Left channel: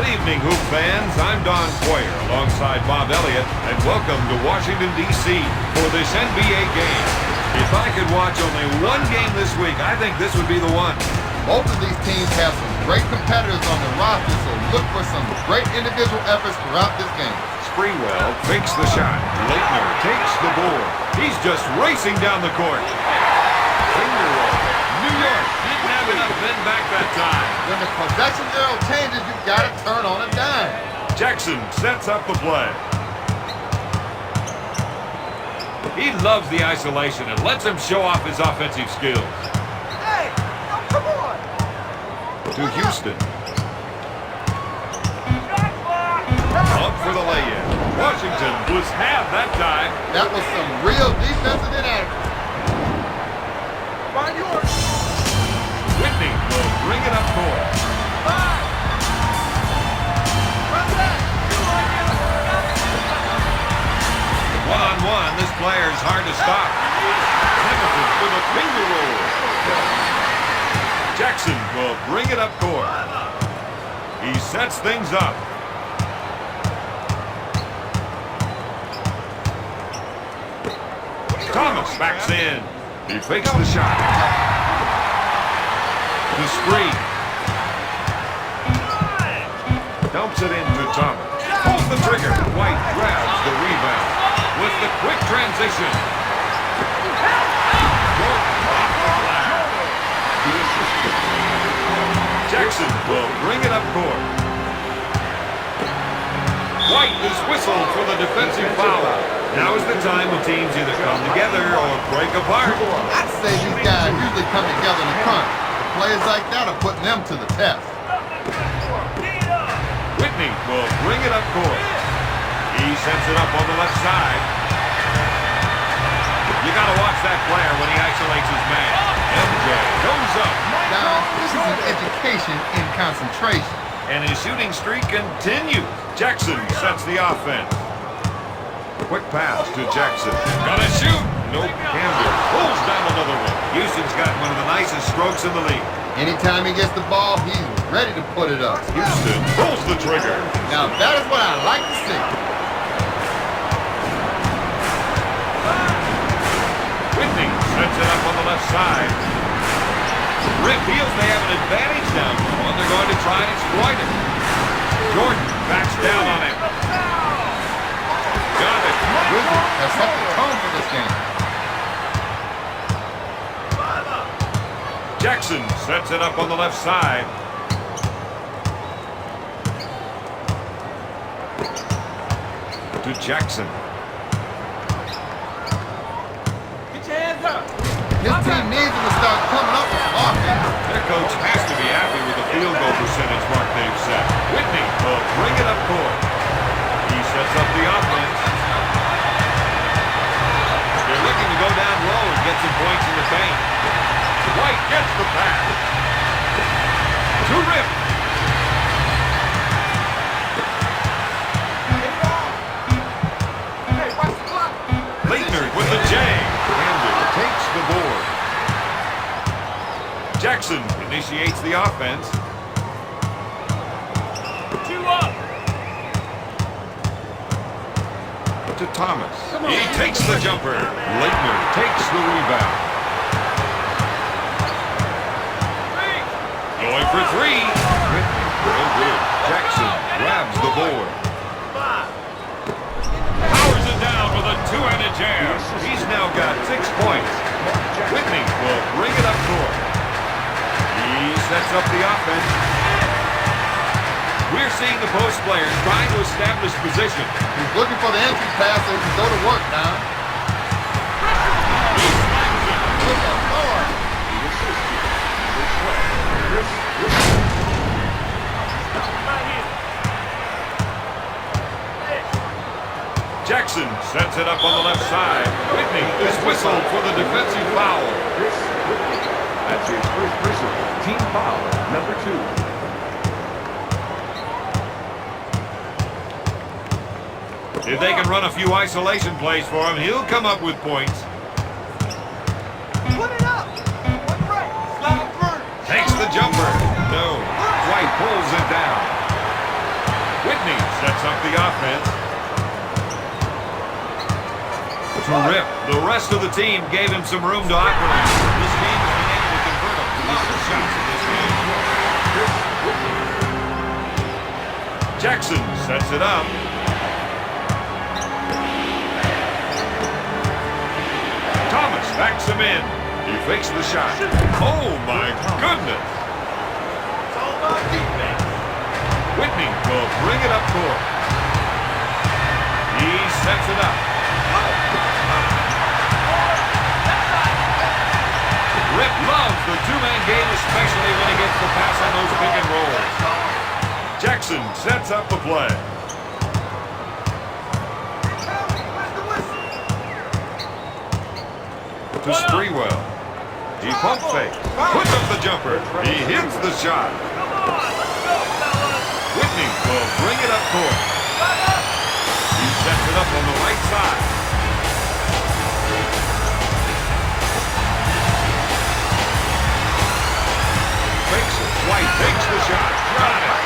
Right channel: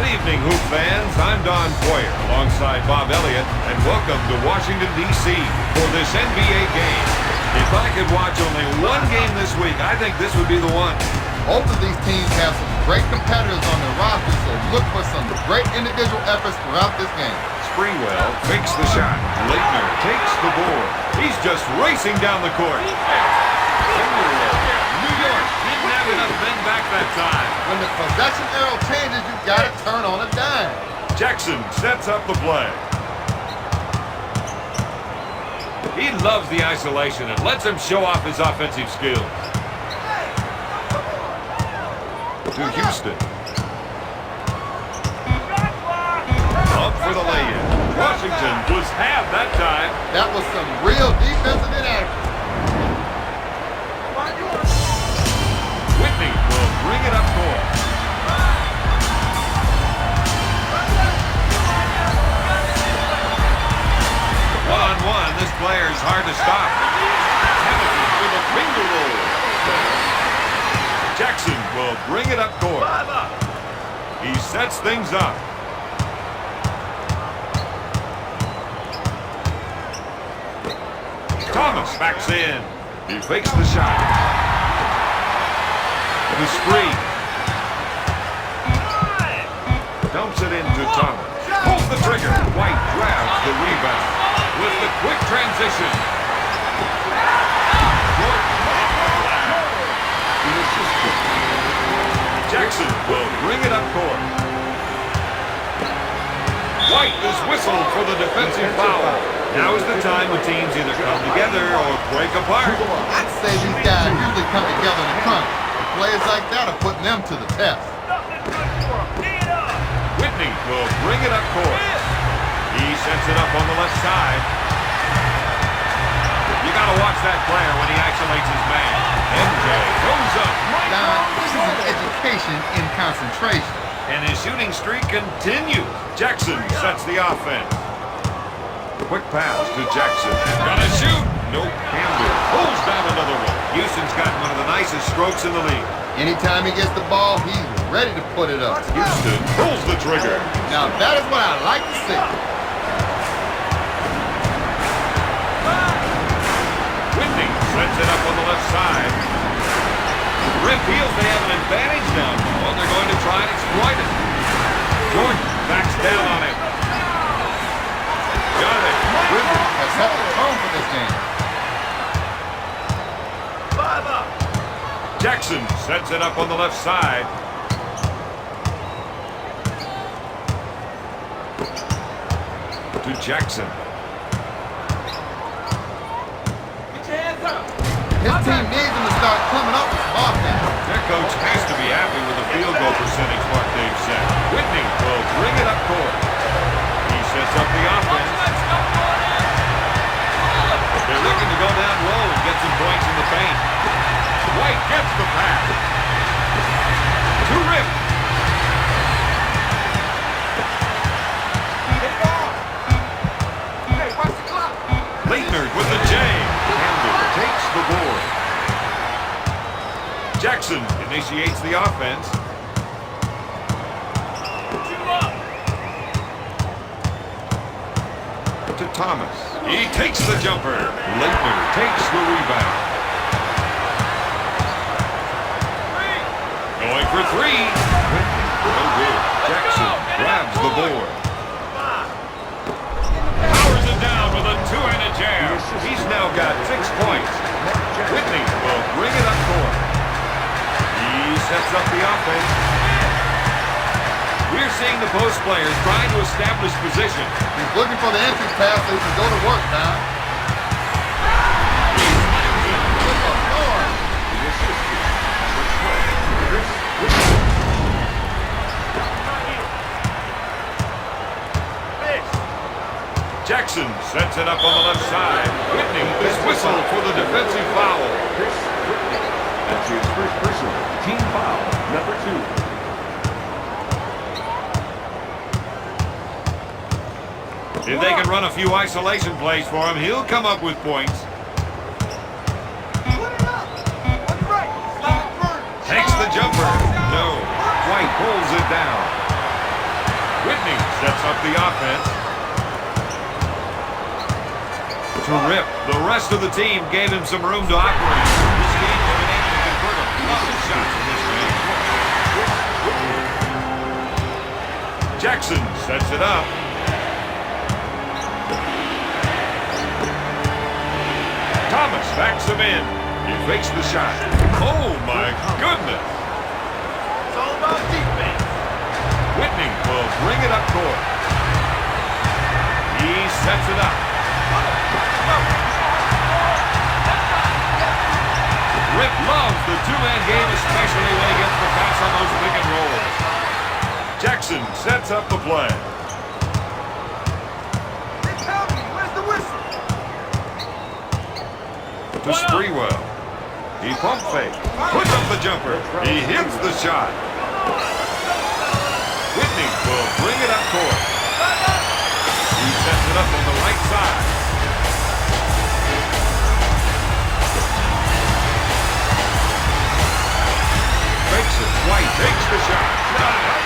Good evening, Hoop fans. I'm Don Poyer alongside Bob Elliott, and welcome to Washington, D.C. for this NBA game. If I could watch only one game this week, I think this would be the one. Both of these teams have some great competitors on their roster, so look for some great individual efforts throughout this game. Sprewell fakes the shot. Leitner takes the board. He's just racing down the court. Finger roll. New York didn't have enough men back that time. When the possession arrow changes, you got to turn on a dime. Jackson sets up the play. He loves the isolation and lets him show off his offensive skills. Hey, come on. To Houston. Up for the lay-in. Washington was half that time. That was some real defensive inaction. Whitney will bring it up court. One-on-one, this player is hard to stop. Hamilton with a finger roll. Jackson will bring it up court. He sets things up. Thomas backs in. He fakes the shot. To Spree. Dumps it into Thomas. Pulls the trigger. White grabs the rebound. With the quick transition. Jackson will bring it up court. White is whistled for the defensive foul. Now is the time when teams either come together or break apart. I'd say these guys usually come together in the crunch. Players like that are putting them to the test. Whitney will bring it up court. He sends it up on the left side. You got to watch that player when he isolates his man. MJ goes up. Now, this is an education in concentration. And his shooting streak continues. Jackson sets the offense. Quick pass to Jackson. Gonna shoot. Nope. Campbell pulls down another one. Houston's got one of the nicest strokes in the league. Anytime he gets the ball, he's ready to put it up. Houston pulls the trigger. Now that is what I like to see. Whitney sets it up on the left side. Rick feels they have an advantage now, and they're going to try and exploit it. Jordan backs down on him. Got it. Whitney has set the tone for this game. Jackson sets it up on the left side. To Jackson. Get your hands up. His team needs him to start coming up with some offense. Their coach has to be happy with the field goal percentage mark they've set. Whitney will bring it up court. He sets up the offense. They're looking to go down low and get some points in the paint. White gets the pass. To Rip. Leitner with the J. Campbell takes the board. Jackson initiates the offense. To Thomas. He takes the jumper. Leitner takes the rebound. Going for three. Whitney, no good. Jackson grabs the board. Powers it down with a two-handed jam. He's now got 6 points. Whitney will bring it up court. He sets up the offense. We're seeing the post players trying to establish position. He's looking for the entry pass so he can go to work, Tom. Jackson sets it up on the left side. Whitney is whistled for the defensive foul. That's his first personal team foul, number 2. If they can run a few isolation plays for him, he'll come up with points. Put it up. On the right. Slide first. Takes the jumper. No. White pulls it down. sets up the offense. To rip. The rest of the team gave him some room to operate. This game has been able to convert a lot of shots in this game. Jackson sets it up. Thomas backs him in. He fakes the shot. Oh my goodness. It's all about defense. Whitney will bring it up court. He sets it up. Rip loves the two-man game, especially when he gets the pass on those pick and rolls. Jackson sets up the play. To Sprewell. He pump fakes. Puts up the jumper. He hits the shot. Whitney will bring it up court. He sets it up on the right side. Fakes it. White takes the shot. Got it.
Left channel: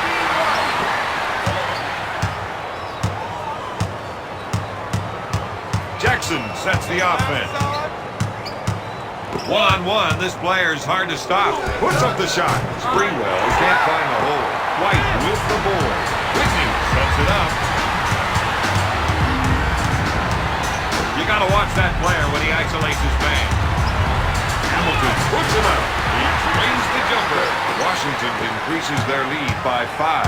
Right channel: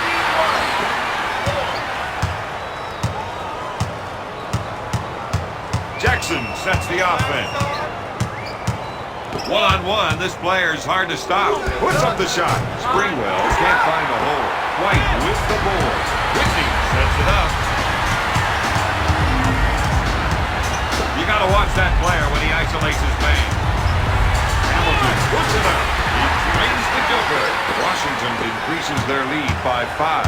Jackson sets the offense. One-on-one, this player's hard to stop. Puts up the shot. Sprewell can't find the hole. White with the board. Whitney sets it up. You got to watch that player when he isolates his man. Hamilton puts it up. He drains the jumper. Washington increases their lead by 5.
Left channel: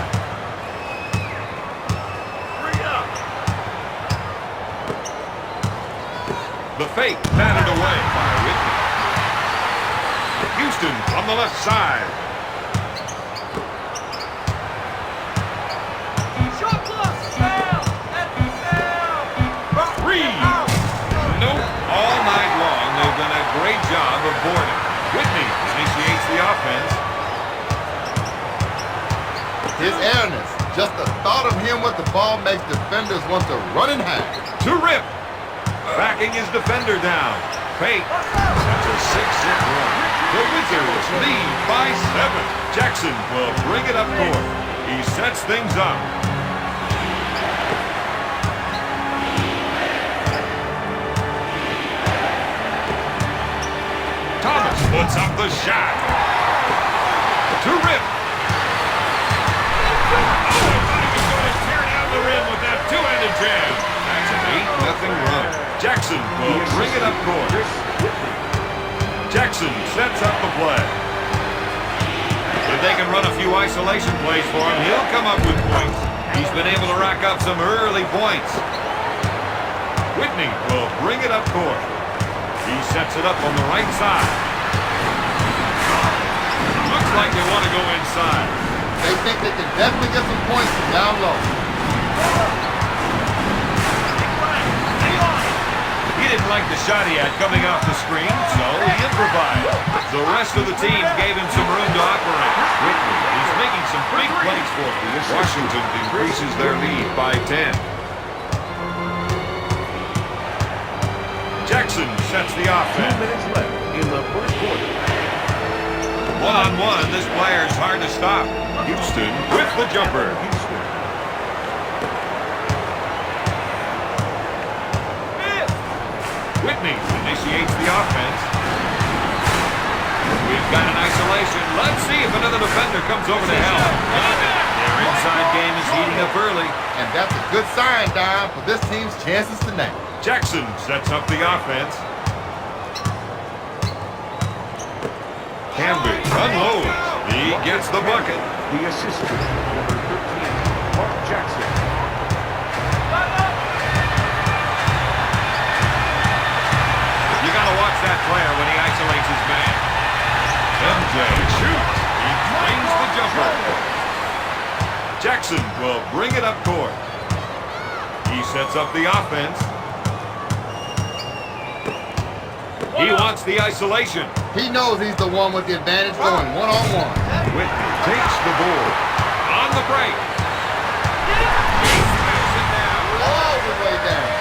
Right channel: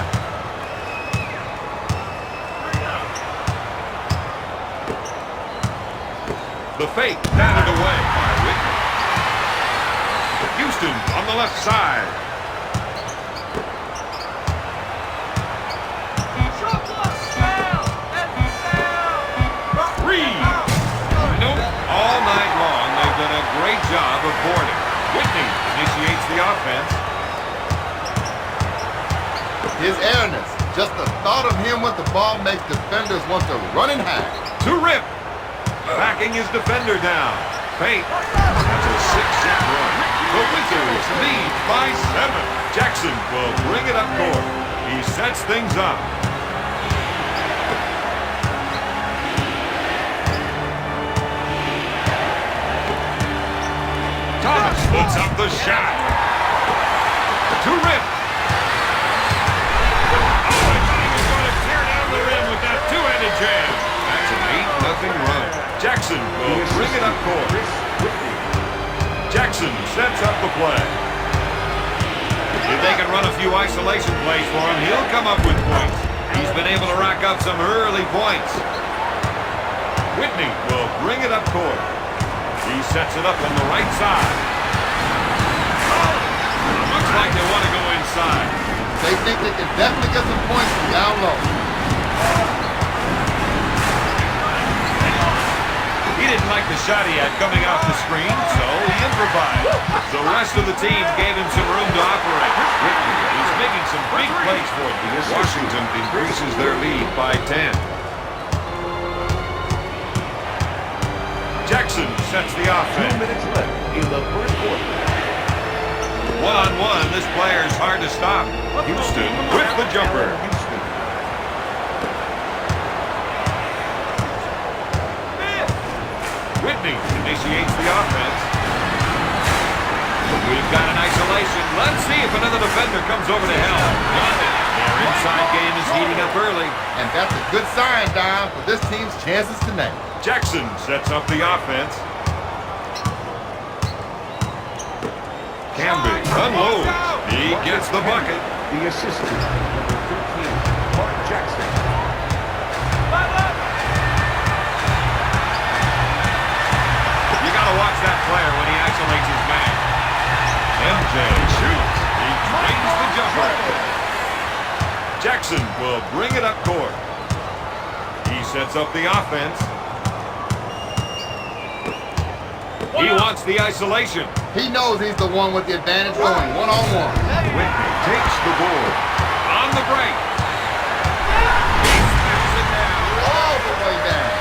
The fake batted away by Whitney. Houston on the left side. Three. Nope. All night long, they've done a great job of boarding. Whitney initiates the offense. His airness. Just the thought of him with the ball makes defenders want to run and hide. To Rip. Backing his defender down. Fake. That's a 6-hit run. The Wizards lead by 7. Jackson will bring it up court. He sets things up. Thomas puts up the shot. To Rip. Oh, I thought he was going to tear down the rim with that two-handed jam. That's an 8-0 run. Jackson will bring it up court. Jackson sets up the play. If they can run a few isolation plays for him, he'll come up with points. He's been able to rack up some early points. Whitney will bring it up court. He sets it up on the right side. Looks like they want to go inside. They think they can definitely get some points from down low. He didn't like the shot he had coming off the screen, so he improvised. The rest of the team gave him some room to operate. Whitney is making some big plays for them. Washington increases their lead by 10. Jackson sets the 2 offense. minutes left in the first quarter. One-on-one, this player's hard to stop. Houston with the jumper. Houston. Whitney initiates the offense. We've got an isolation. Let's see if another defender comes over to help. Got it. Their inside game is heating up early. And that's a good sign, Don, for this team's chances tonight. Jackson sets up the offense. Camby unloads. He gets the bucket. The assistant, number 13, Mark Jackson. You got to watch that player when he isolates his man. MJ shoots. He drains the jumper. Jackson will bring it up court. He sets up the offense. He wants the isolation. He knows he's the one with the advantage going one-on-one. Whitney takes the board. On the break. He spins it down. All the way down.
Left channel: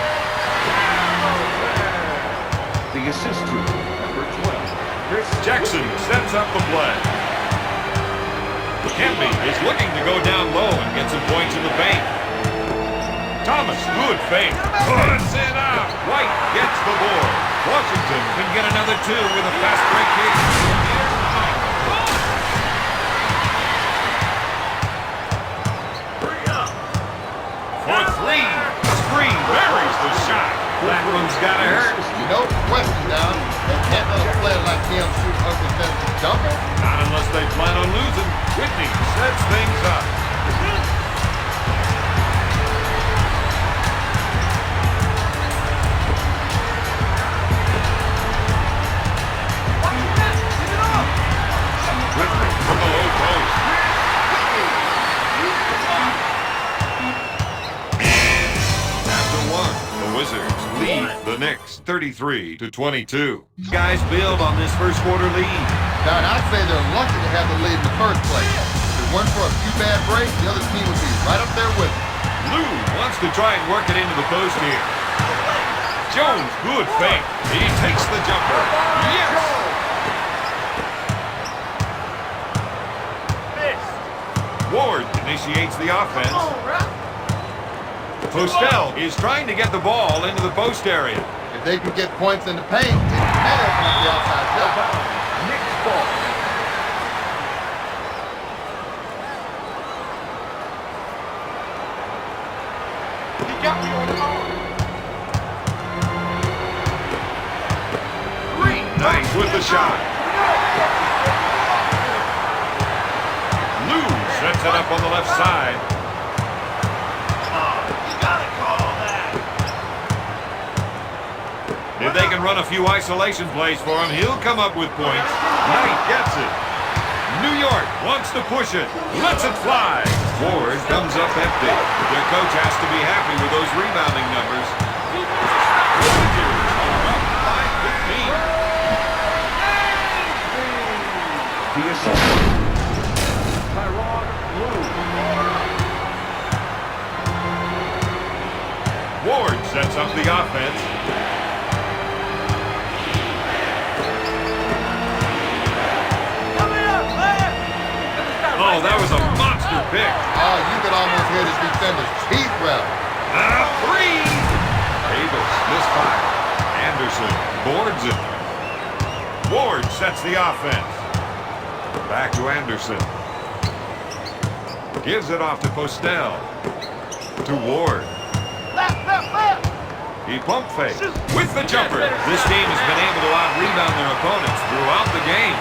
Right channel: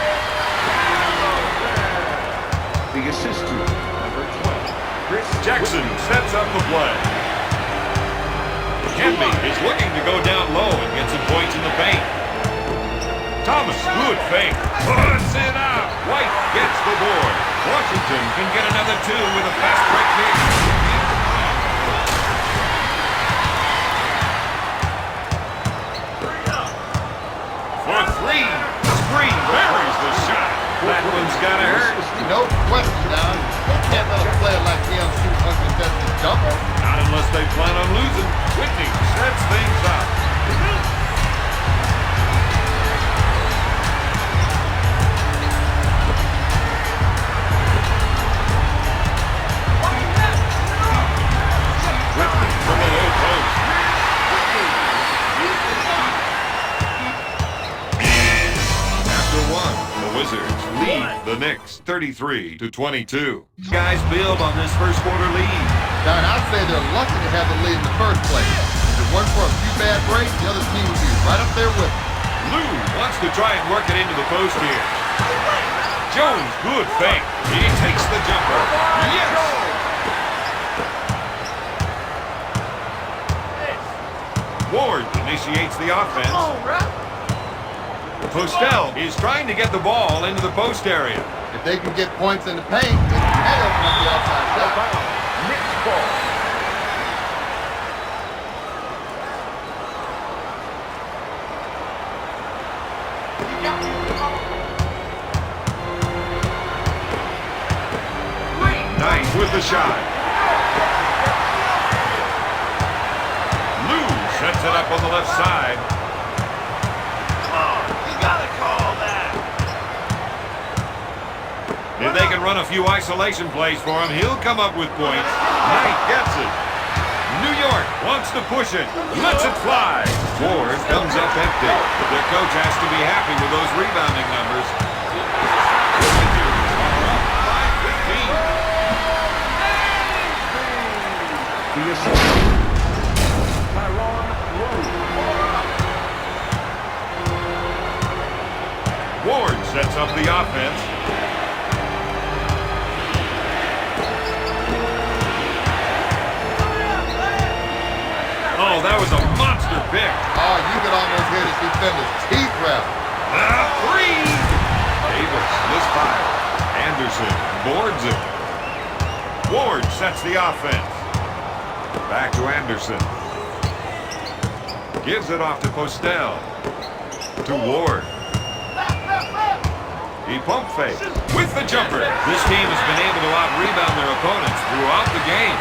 The assistant, number 12, Chris Jackson sets up the play. Camby is looking to go down low and get some points in the paint. Thomas, good fake. Puts it out. White gets the board. Washington can get another two with a fast break kick. For three. Spree buries the shot. That one's gotta hurt. No question, now. They can't let a player like him shoot uncontested jumper. Not unless they plan on losing. Whitney sets things up. Whitney from the low post. After one, the Wizards lead the Knicks 33-22. Guys build on this first quarter lead. Now, I'd say they're lucky to have the lead in the first place. If it weren't for a few bad breaks, the other team would be right up there with them. Lou wants to try and work it into the post here. Jones, good fake. He takes the jumper. Yes! Ward initiates the offense. Postel is trying to get the ball into the post area. If they can get points in the paint, they can open up the outside shot. Knicks ball. Nice with the shot. Lou sets it up on the left side. If they can run a few isolation plays for him, he'll come up with points. Knight gets it. New York wants to push it. Lets it fly. Ward comes up empty. Their coach has to be happy with those rebounding numbers. The assist. Ward sets up the offense. Oh, that was a monster pick. Oh, you could almost hear this defender's teeth rattle. Three. Davis misfire. Anderson boards it. Ward sets the offense. Back to Anderson. Gives it off to Postel. To Ward. He pump fakes with the jumper. This team has been able to out-rebound their opponents throughout the game.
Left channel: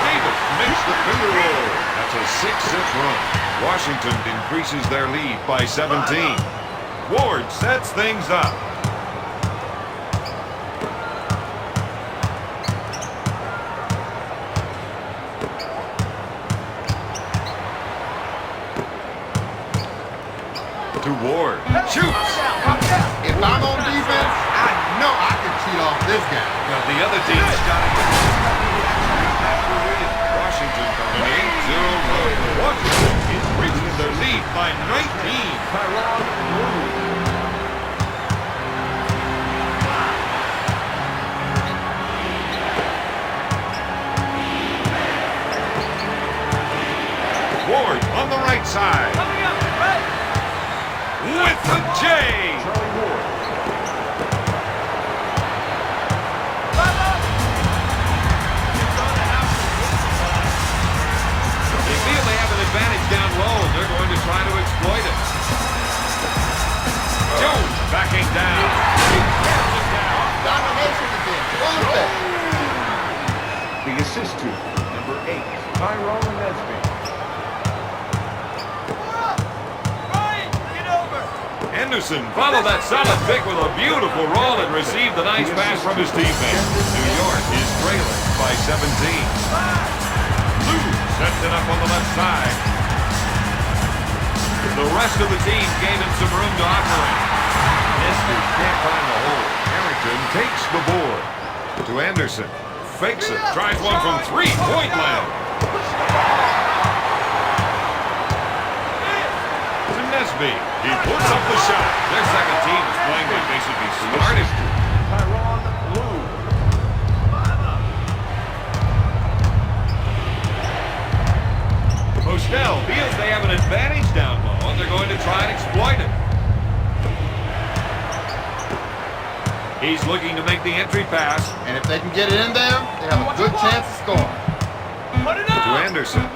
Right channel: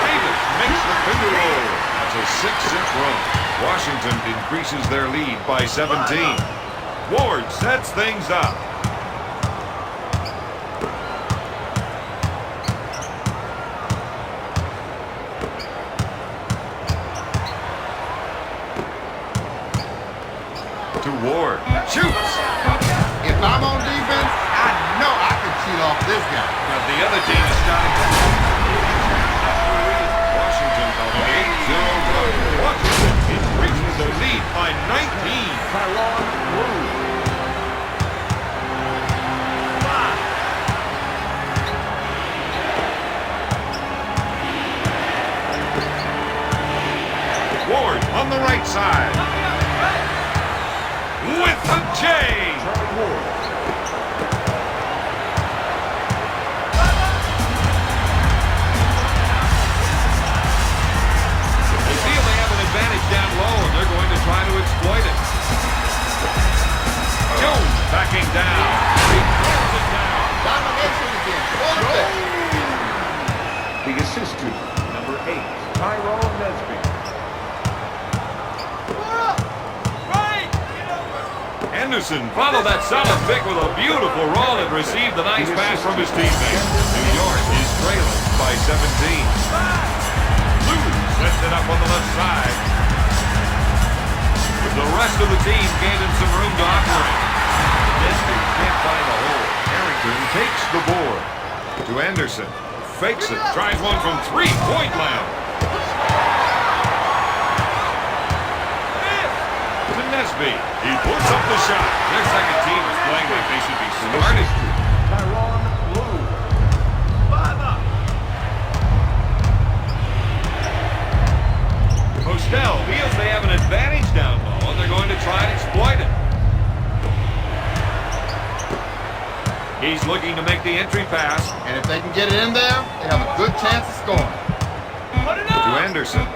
Davis makes the finger roll. That's a 6-zip run. Washington increases their lead by 17. Ward sets things up. To Ward. Shoots. If I'm on defense, I know I can cheat off this guy. Got the other team shouting. Washington got an 8-0 run. Washington increases their lead by 19. Ward on the right side. With the J. They feel they have an advantage down low, and they're going to try to exploit it. Jones backing down. He throws it down. Domination again. The assist to number 8, Tyrone Nesby. Anderson followed that solid pick with a beautiful roll and received a nice pass from his teammate. New York is trailing by 17. Lou sets it up on the left side. The rest of the team gave him some room to operate. Nesby can't find the hole. Harrington takes the board. To Anderson. Fakes it. Tries one from three-point land. To Nesby. He puts up the shot. Their second team is playing like they should be starting. Tyrone Lou. Postel feels they have an advantage down low, and they're going to try and exploit it. make the entry pass. And if they can get it in there, they have a good chance of scoring. To Anderson.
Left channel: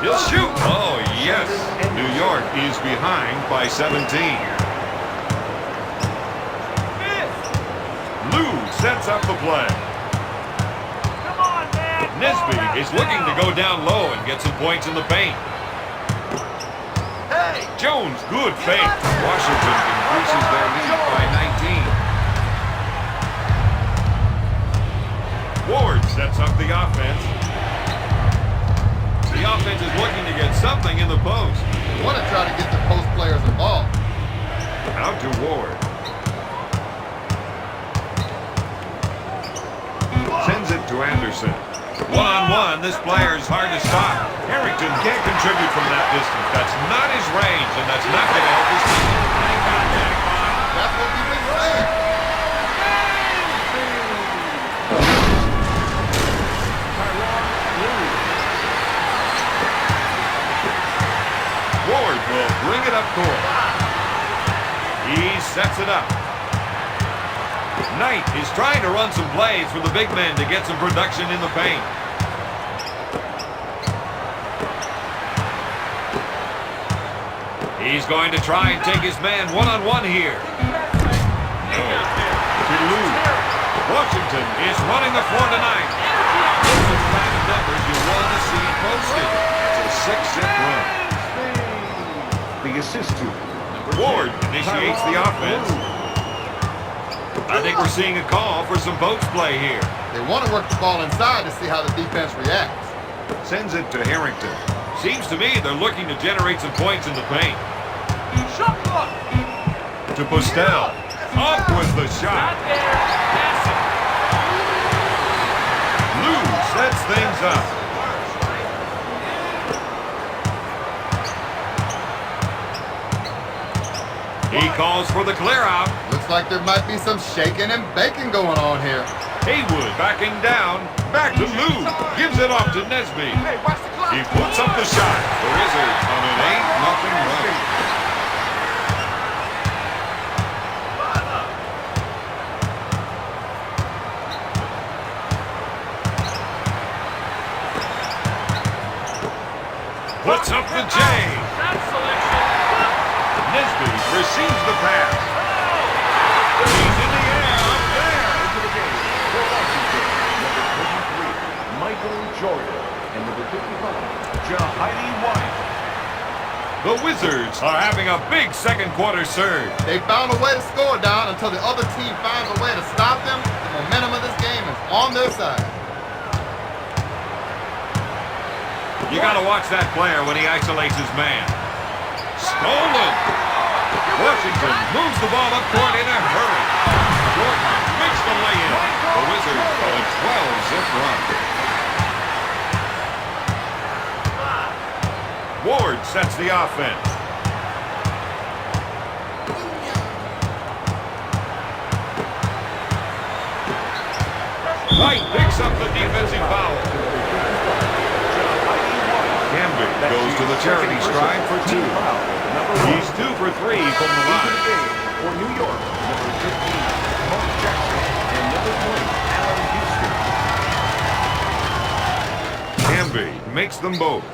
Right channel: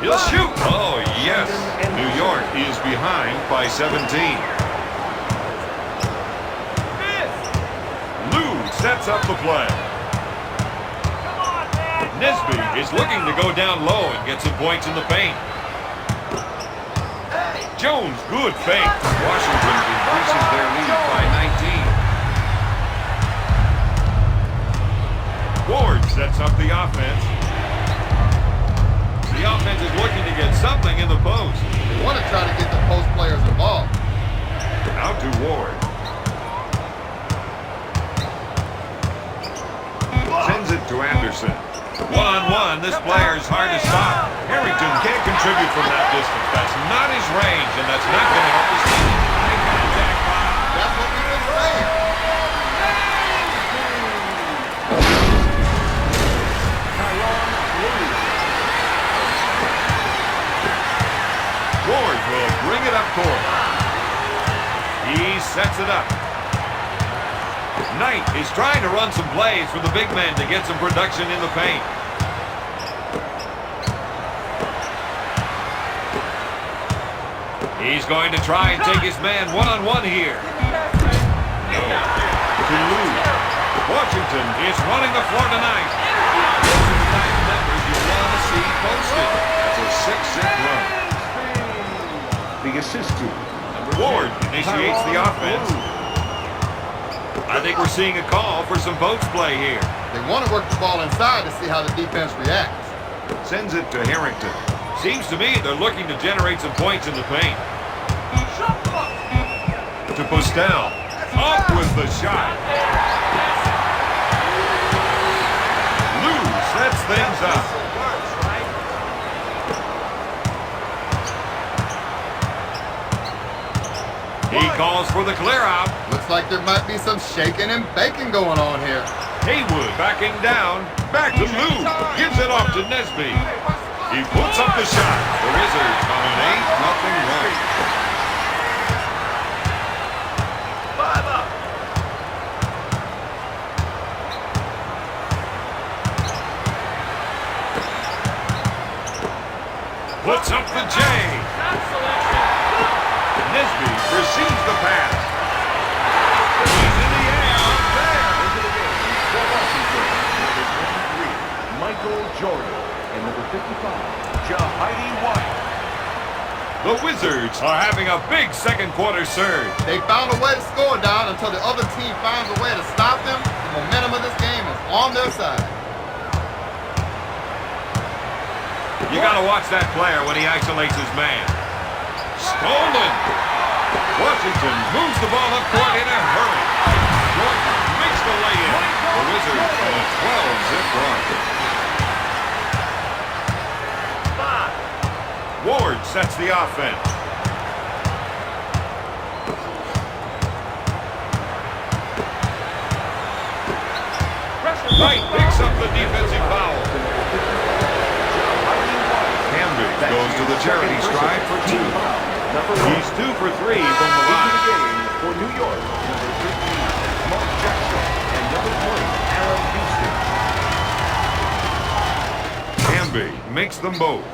He'll shoot. Oh, yes. New York is behind by 17. Lou sets up the play. Nesby is looking to go down low and get some points in the paint. Jones, good fake. Washington increases their lead by 19. Ward sets up the offense. The offense is looking to get something in the post. They want to try to get the post players involved. Out to Ward. Sends it to Anderson. One-on-one, this player is hard to stop. Harrington can't contribute from that distance. That's not his range, and that's not going to help his team. That's what we've been saying. Ward will bring it up court. He sets it up. Knight is trying to run some plays for the big men to get some production in the paint. He's going to try and take his man one-on-one here. No. To Lou. Washington is running the floor tonight. Those are the kind of numbers you want to see posted. That's a 6-zip run. The assist to Ward initiates the offense. I think we're seeing a call for some post play here. They want to work the ball inside to see how the defense reacts. Sends it to Harrington. Seems to me they're looking to generate some points in the paint. To Postel. Up with the shot. Lou sets things up. He calls for the clear out. Looks like there might be some shaking and baking going on here. Haywood backing down. Back to Lou. Gives it off to Nesby. He puts up the shot. The Wizards on an 8-0 run. Puts up the J. Nesby receives the pass. He's in the air up there. into the game for Washington, number 23, Michael Jordan, and number 55, Jahidi White. The Wizards are having a big second quarter surge. They found a way to score down until the other team finds a way to stop them. The momentum of this game is on their side. You got to watch that player when he isolates his man. Stolen. Washington moves the ball up court in a hurry. Jordan makes the lay-in. The Wizards on a 12-zip run. Ward sets the offense. White picks up the defensive foul. Camden goes to the charity stripe for 2. He's 2 for 3 from the line. For New York, number 15, Mark Jackson, and number 20, Alan Houston. Camby makes them both.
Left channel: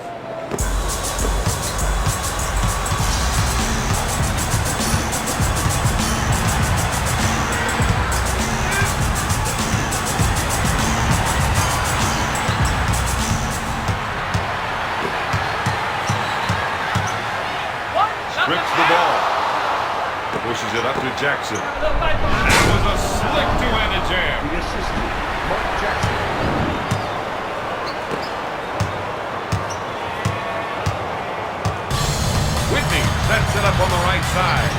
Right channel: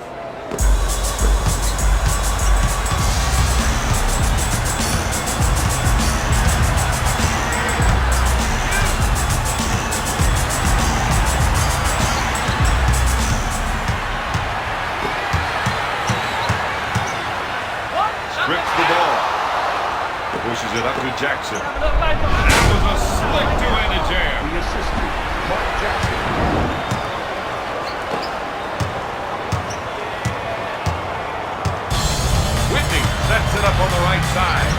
Strips the ball. Pushes it up to Jackson. That was a slick two-handed jam. The assistant, Mark Jackson. Whitney sets it up on the right side.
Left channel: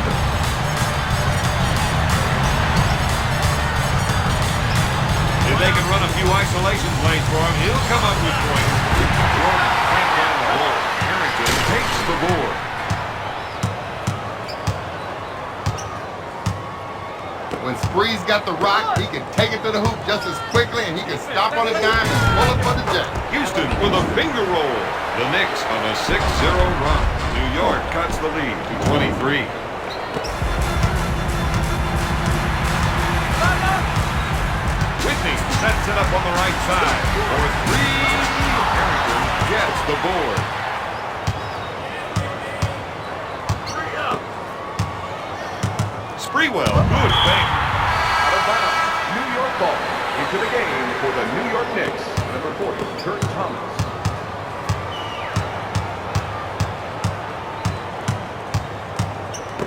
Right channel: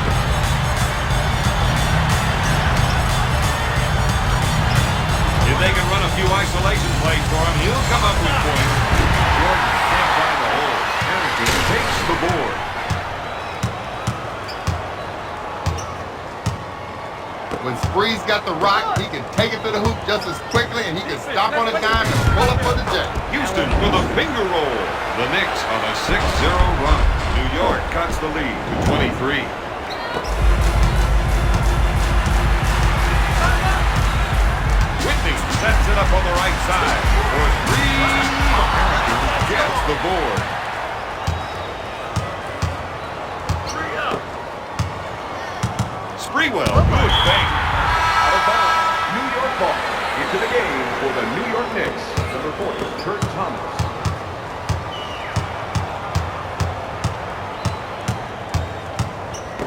If they can run a few isolation plays for him, he'll come up with points. Jordan can't find the hole. Harrington takes the board. When Spree's got the rock, he can take it to the hoop just as quickly, and he can stop on a dime and pull up for the J. Houston with a finger roll. The Knicks on a 6-0 run. New York cuts the lead to 23. sets it up on the right side. For three, Harrington gets the board. Sprewell, good thing. Out of bounds. New York ball. Into the game for the New York Knicks. Number 40, Kurt Thomas.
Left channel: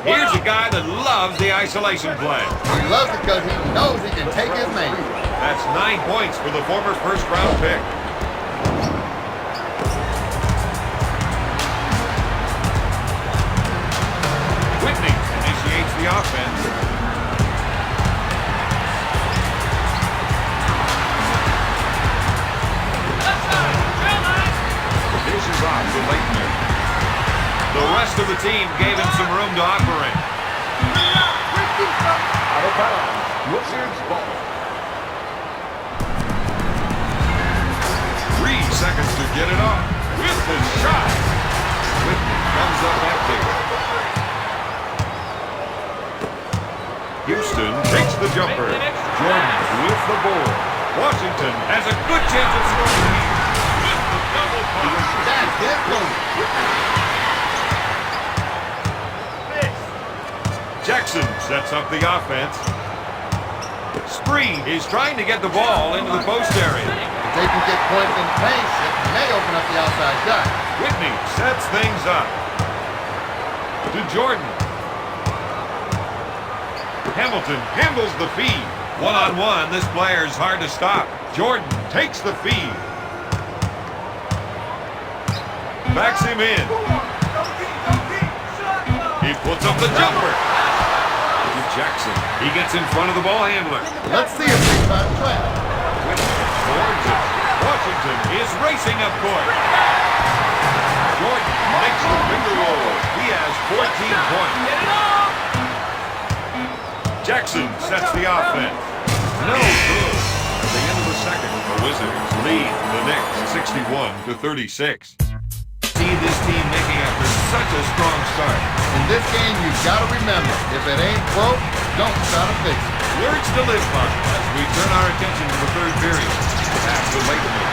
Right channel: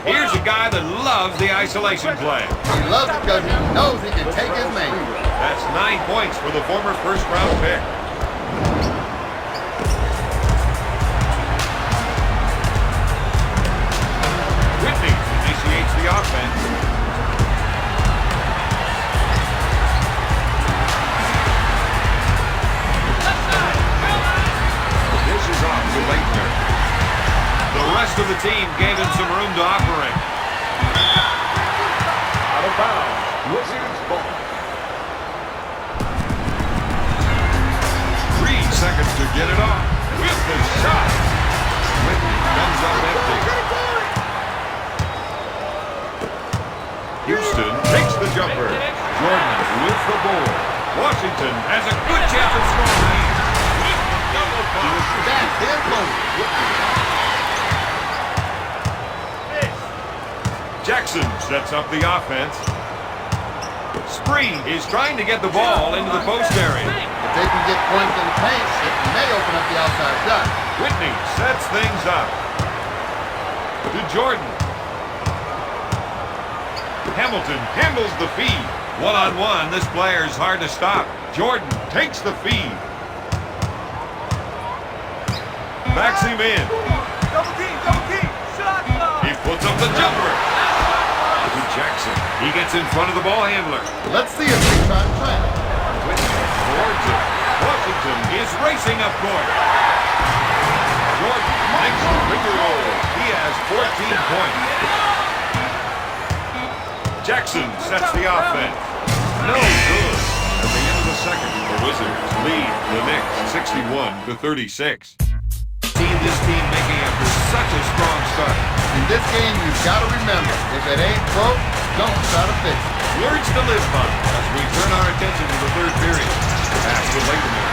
Here's a guy that loves the isolation play. He loves it because he knows he can take his man. That's 9 points for the former first-round pick. Whitney initiates the offense. This is off to Leitner. The rest of the team gave him some room to operate. Out of bounds. Wizards ball. 3 seconds to get it off. With the shot. Whitney comes up empty. Houston takes the jumper. Jordan with the ball. Washington has a good chance of scoring. Double bump. That's their goal. Jackson sets up the offense. Spree is trying to get the ball into the post area. If they can get points in the paint, it may open up the outside shot. Whitney sets things up. To Jordan. Hamilton handles the feed. One-on-one, this player's hard to stop. Jordan takes the feed. Backs him in. He puts up the jumper. To Jackson. He gets in front of the ball handler. Let's see if they try to trap. Whitney towards it. Washington is racing up court. Jordan makes the finger roll. He has 14 points. Jackson sets the offense. No good. At the end of the second, the Wizards lead the Knicks 61-36. Seeing this team making after such a strong start. In this game, you've got to remember, if it ain't broke, don't try to fix it. Words to live by as we turn our attention to the third period. Pass to Lakeman.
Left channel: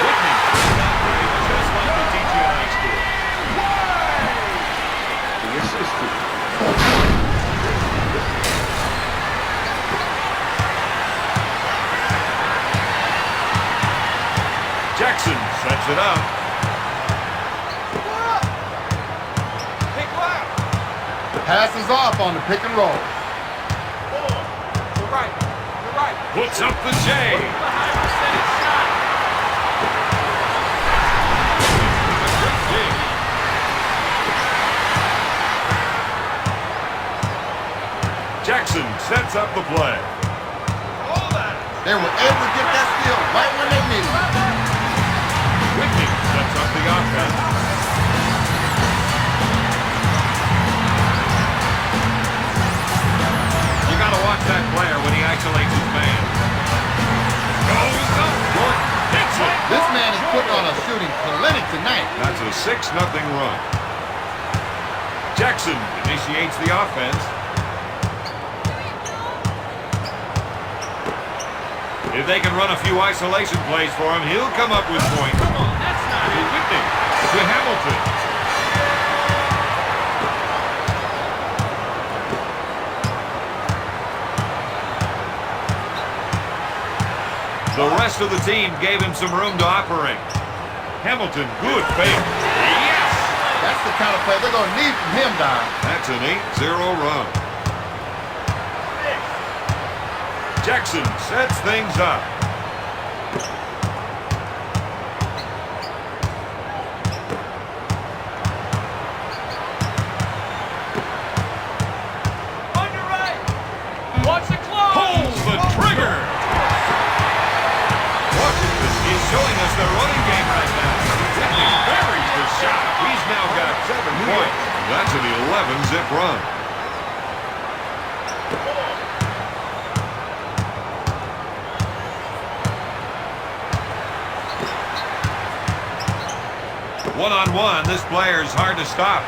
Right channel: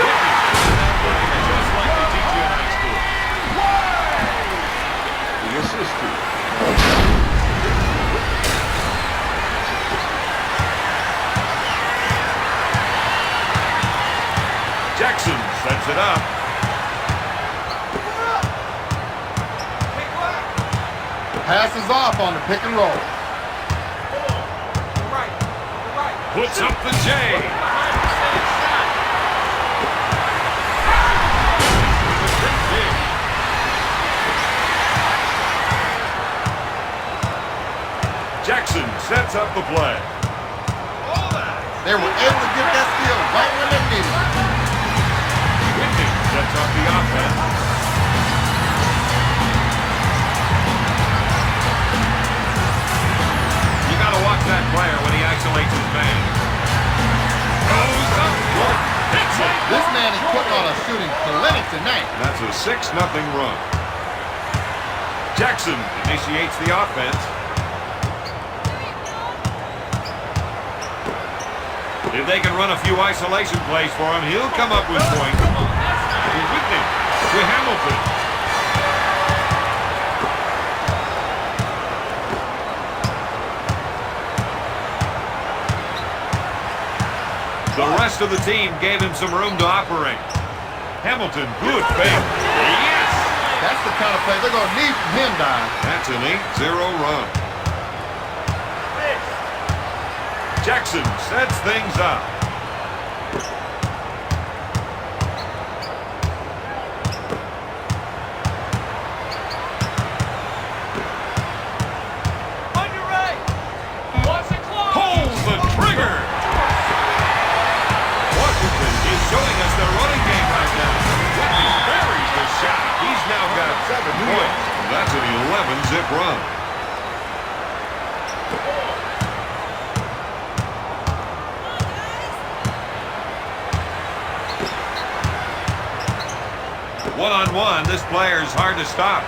Whitney. Just like they teach you in high school. The assistant. Jackson sets it up. Passes off on the pick and roll. Puts up the J. Jackson sets up the play. They were able to get that steal right when they needed it. Whitney sets up the offense. You got to watch that player when he isolates his man. Goes up. Jordan hits it. This man is putting on a shooting clinic tonight. That's a 6-0 run. Jackson initiates the offense. If they can run a few isolation plays for him, he'll come up with points. To Whitney. To Hamilton. The rest of the team gave him some room to operate. Hamilton, good fake. Yes! That's the kind of play they're going to need from him, Don. That's an 8-0 run. Jackson sets things up. Pulls the trigger. Washington is showing us their running game right now. Whitney buries the shot. He's now got 7 points. That's an 11-zip run. One-on-one, this player's hard to stop.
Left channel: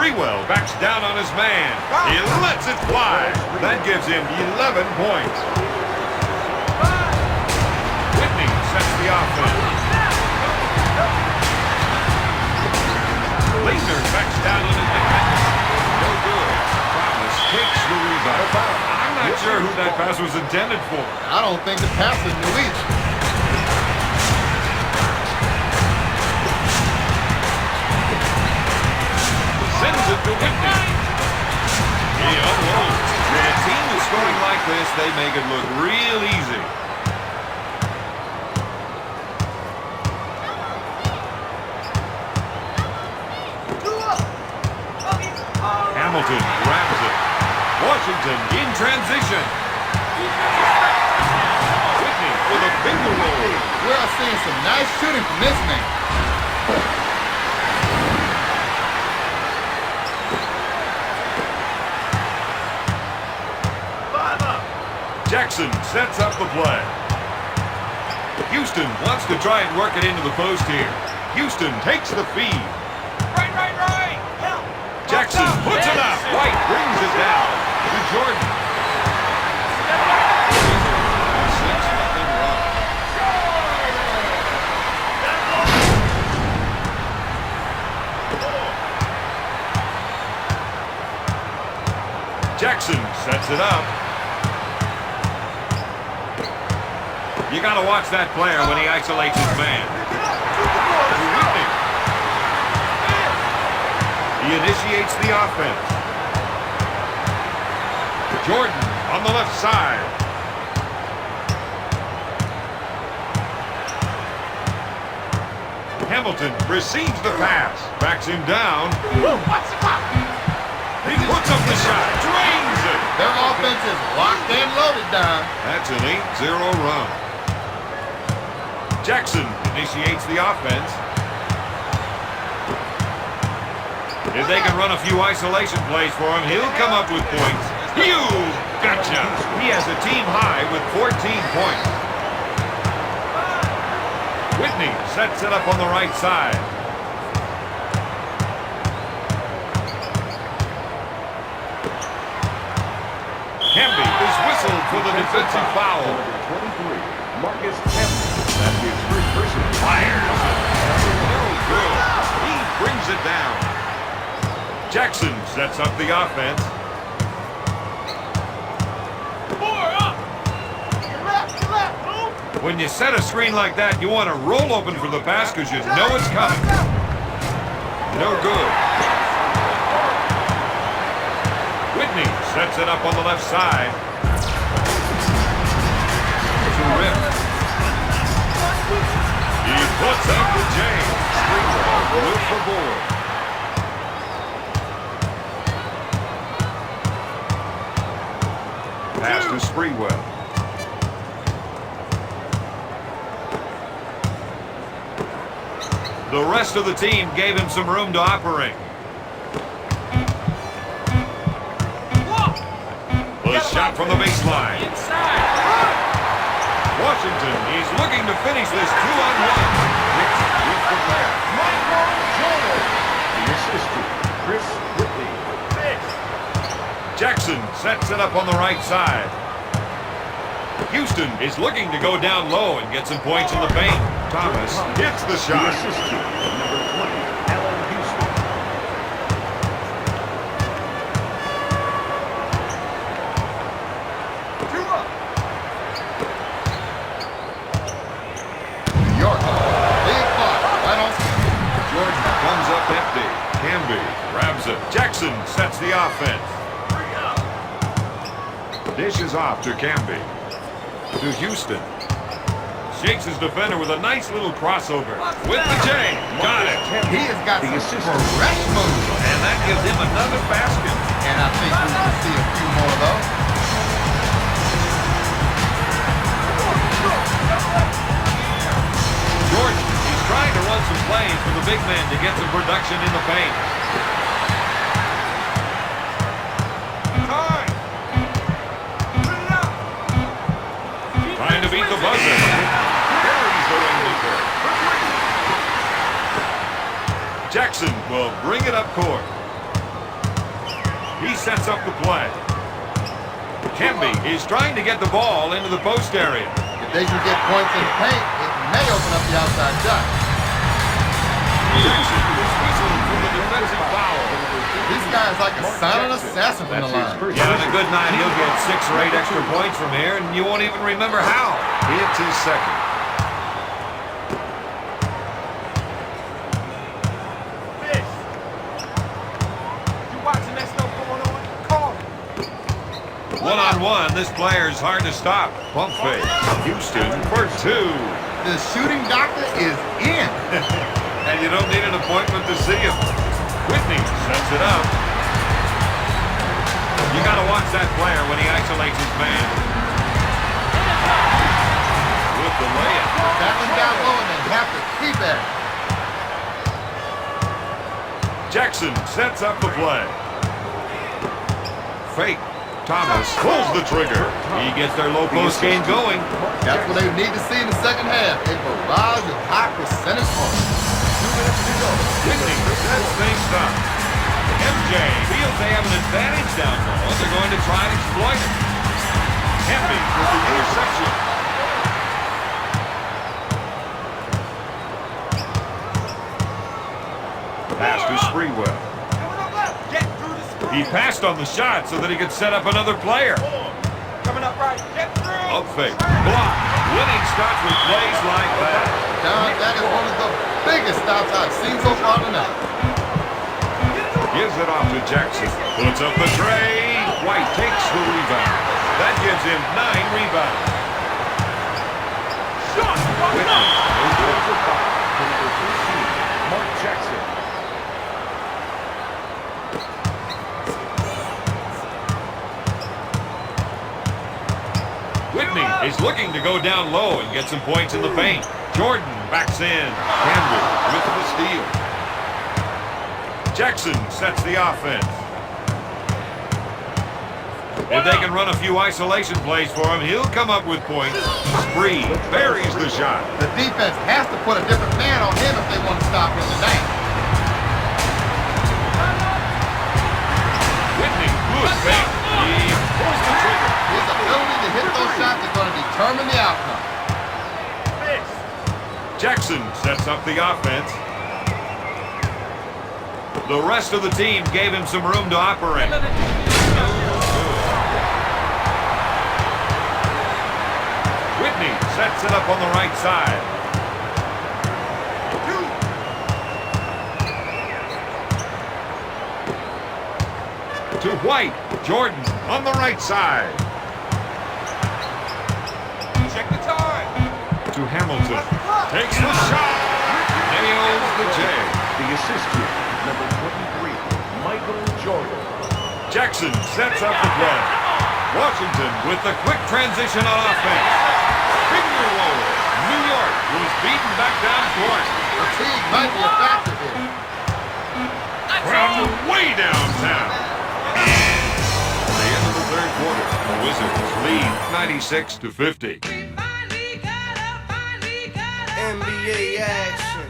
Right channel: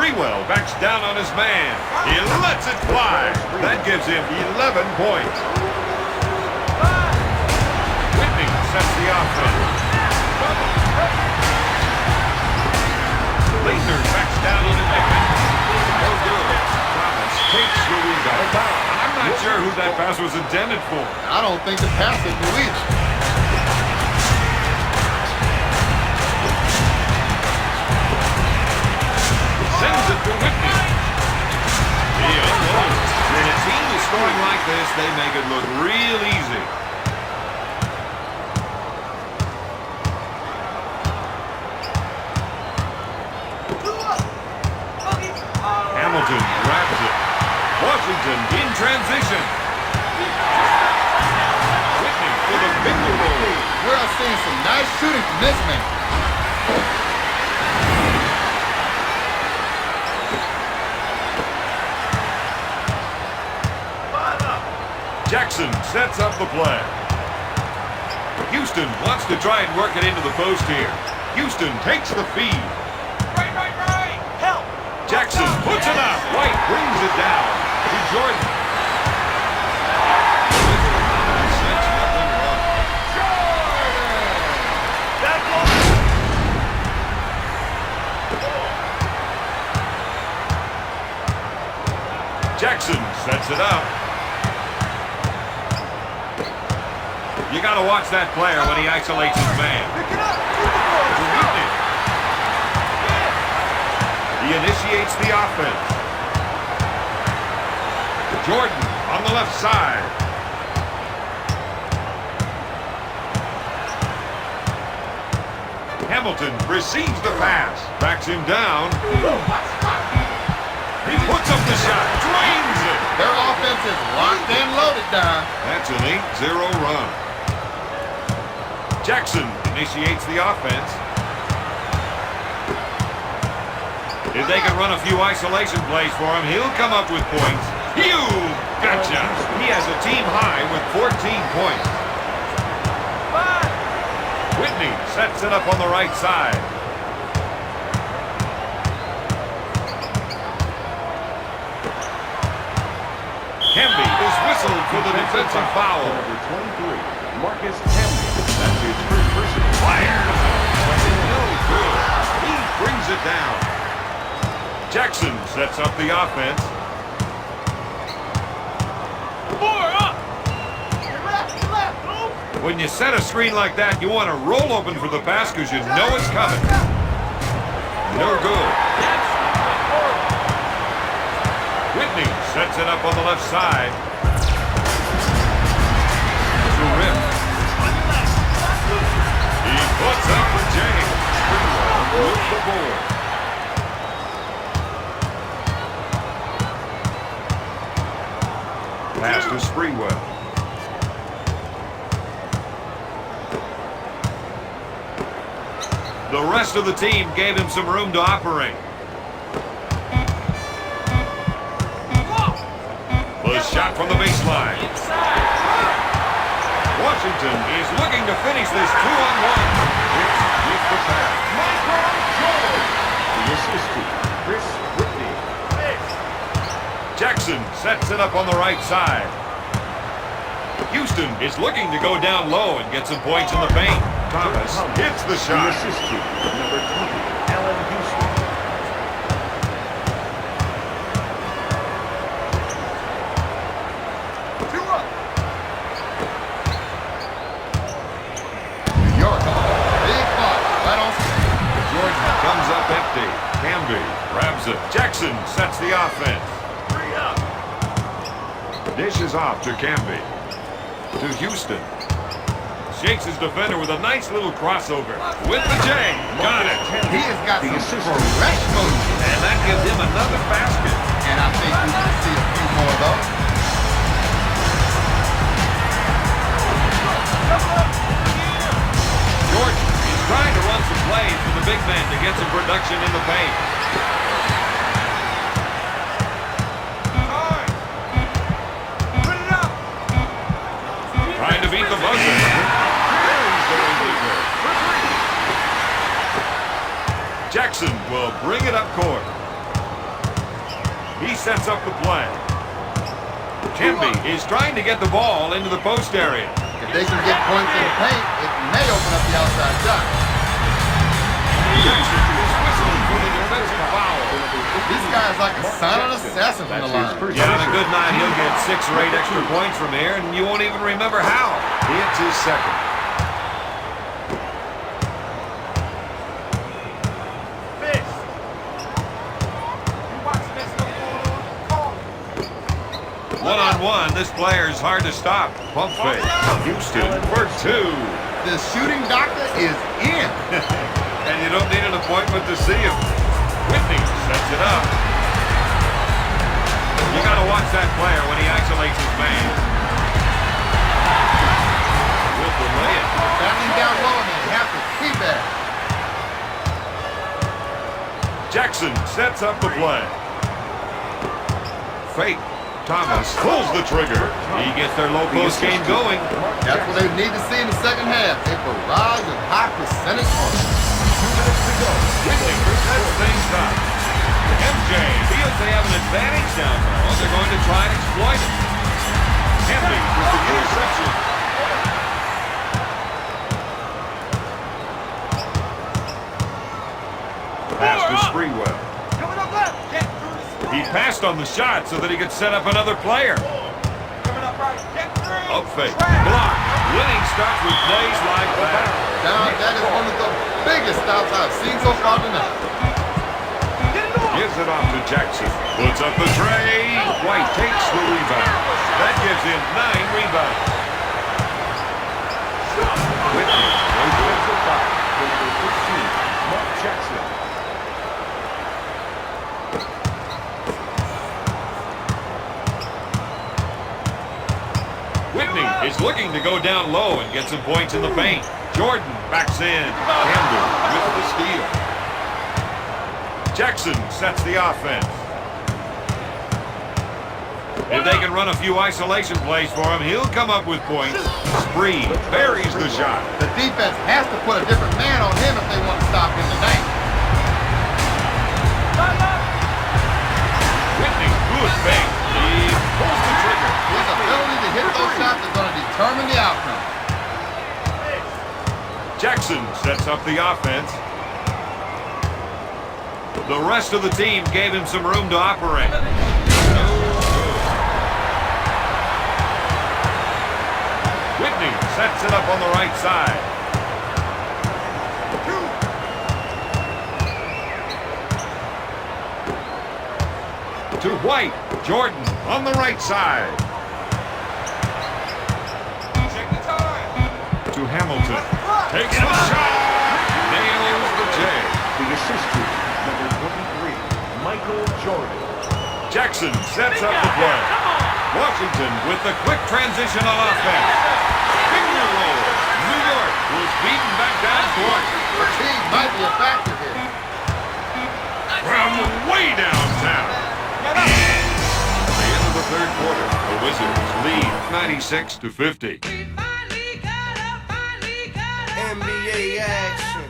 Sprewell backs down on his man. He lets it fly. That gives him 11 points. Whitney sets the offense. Leitner backs down on his man. No good. Thomas takes the rebound. I'm not sure who that pass was intended for. I don't think the passer knew either. Sends it to Whitney. He unloads. When a team is scoring like this, they make it look real easy. Hamilton grabs it. Washington in transition. Whitney with a finger roll. We're seeing some nice shooting from this man. Jackson sets up the play. Houston wants to try and work it into the post here. Houston takes the feed. Right. Help. Jackson puts it up. White brings it down to Jordan. Sense nothing wrong. Jackson sets it up. You got to watch that player when he isolates his man. He initiates the offense. Jordan on the left side. Hamilton receives the pass. Backs him down. He puts up the shot. Drains it. Their offense is locked and loaded, Don. That's an 8-0 run. Jackson initiates the offense. If they can run a few isolation plays for him, he'll come up with points. You gotcha! He has a team high with 14 points. Whitney sets it up on the right side. Camby is whistled for the defensive foul. Number 23, Marcus Camby. That's his first personal Fires. No good. He brings it down. Jackson sets up the offense. When you set a screen like that, you want to roll open for the pass because you know it's coming. No good. Whitney sets it up on the left side. To Rim. He puts up the James. With the board. Pass to Sprewell. The rest of the team gave him some room to operate. The shot from the baseline. Washington is looking to finish this 2-on-1. Knicks with the pass. The assistant, Chris Whitney. Jackson sets it up on the right side. Houston is looking to go down low and get some points in the paint. Thomas hits the The shot. assistant, number 20, Allen Houston. New York, big block, right on schedule. Jordan comes up empty. Camby grabs it. Jackson sets the offense. Dishes off to Camby. To Houston. Shakes his defender with a nice little crossover. With the J. Got it. He has got The some assistant. fresh moves. And that gives him another basket. And I think we can see a few more of those. Jordan is trying to run some plays for the big man to get some production in the paint. Trying to beat the buzzer. Buries the winemaker. Jackson will bring it up court. He sets up the play. Kemby is trying to get the ball into the post area. If they can get points in the paint, it may open up the outside shot. Defensive foul. This guy is like a silent assassin from the line. Yeah, on a good night, he'll get 6 or 8 extra points from here, and you won't even remember how. It's his second. Fish. You watching that stuff going on? Call it. One-on-one, this player's hard to stop. Pump fake. Houston for 2. The shooting doctor is in. And you don't need an appointment to see him. Whitney sets it up. You got to watch that player when he isolates his man. With the layup. Battling down low and they have to keep that. Jackson sets up the play. Fake. Thomas pulls the trigger. He gets their low post game going. That's what they need to see in the second half. A barrage of high percentage points. Whitney sets things up. MJ feels they have an advantage down low. They're going to try and exploit it. Kemby with the interception. Pass to Sprewell. He passed on the shot so that he could set up another player. Coming up right. Get through. Up fake. Block. Winning starts with plays like that. That is one of the biggest stops I've seen so far tonight. Gives it off to Jackson. Puts up the tray. White takes the rebound. That gives him 9 rebounds. Whitney goes over the 5 for number 13, Mark Jackson. Whitney is looking to go down low and get some points in the paint. Jordan backs in. Camden with the steal. Jackson sets the offense. If they can run a few isolation plays for him, he'll come up with points. Spree buries the shot. The defense has to put a different man on him if they want to stop him tonight. Whitney, good fake. He pulls the trigger. His ability to hit those shots is going to determine the outcome. Jackson sets up the offense. The rest of the team gave him some room to operate. Whitney sets it up on the right side. To White. Jordan on the right side. Check the time. To Hamilton. Takes the shot. Nails the J. The assistant, number 23, Michael Jordan. Jackson sets up the play. Washington with the quick transition on offense. Finger roll. New York was beaten back down court. Fatigue might be a factor here. From way downtown. At the end of the third quarter, the Wizards lead 96-50. NBA action,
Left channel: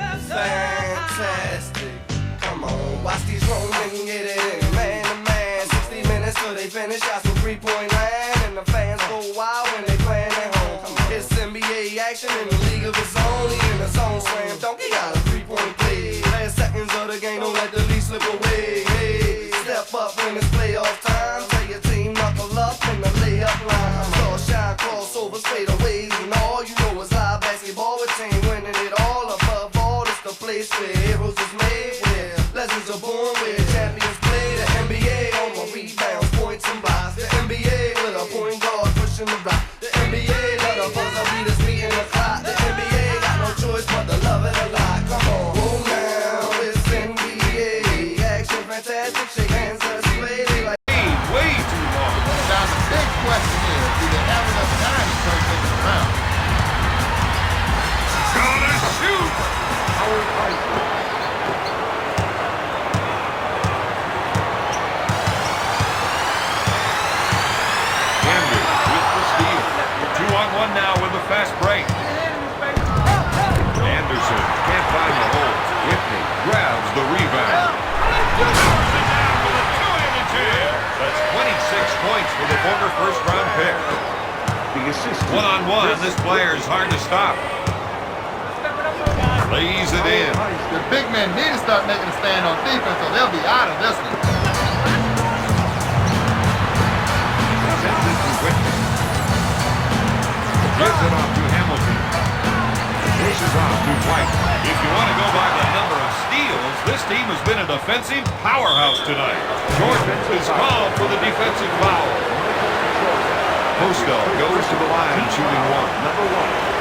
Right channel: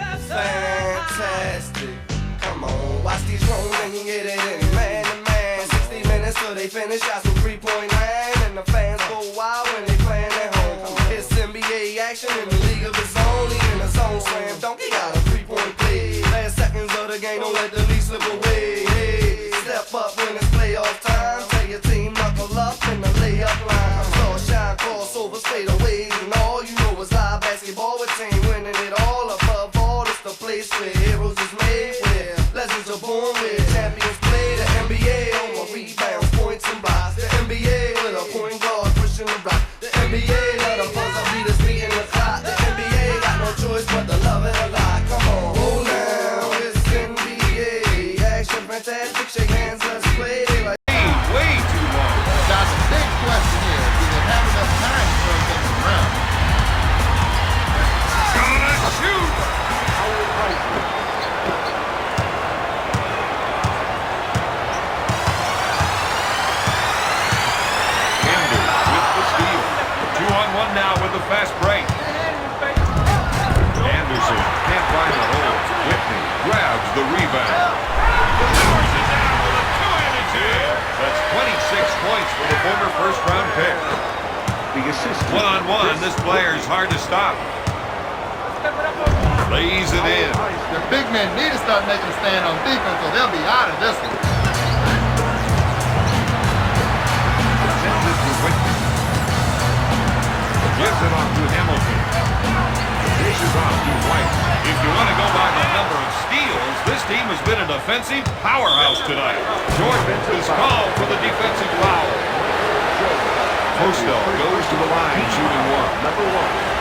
fantastic. Come on, watch these grown men get it in. Man to man, 60 minutes till they finish. Got some 3-point line, and the fans go wild when they playing at home. It's NBA action in the league of its own. He in the zone, slam dunk. He got a 3-point play. Last seconds of the game, don't let the lead slip away. Hey, step up when it's playoff time. Tell your team knuckle up in the layup line. Saw shine, crossovers, fadeaways, and all you know is live basketball with team winning it all. Above all, it's the place where heroes is made, where legends are born, where champions play. The NBA on my rebounds, points and buys. The NBA with a point guard pushing the block. The NBA let a buzzer beaters beating the clock. The NBA got no choice but to love it a lot. Come on, oh now it's NBA action, fantastic. Shake hands, let's play. They like Way too long. Now the big question is, do they have enough time to turn things around? Gonna shoot. Camden with the steal. 2-on-1 now with the fast break. Anderson can't find the hole. Whitney grabs the rebound. Powers it down with a 2-handed former first-round pick. The assistant. One-on-one, this player is hard to stop. Lays it in. The big men need to start making a stand on defense, or they'll be out of this one. Sends it to Whitney. Gives it off to Hamilton. Dishes off to White. If you want to go by the number of steals, this team has been a defensive powerhouse tonight. Jordan is called for the defensive foul. Postel goes to the line, shooting one. Number 1.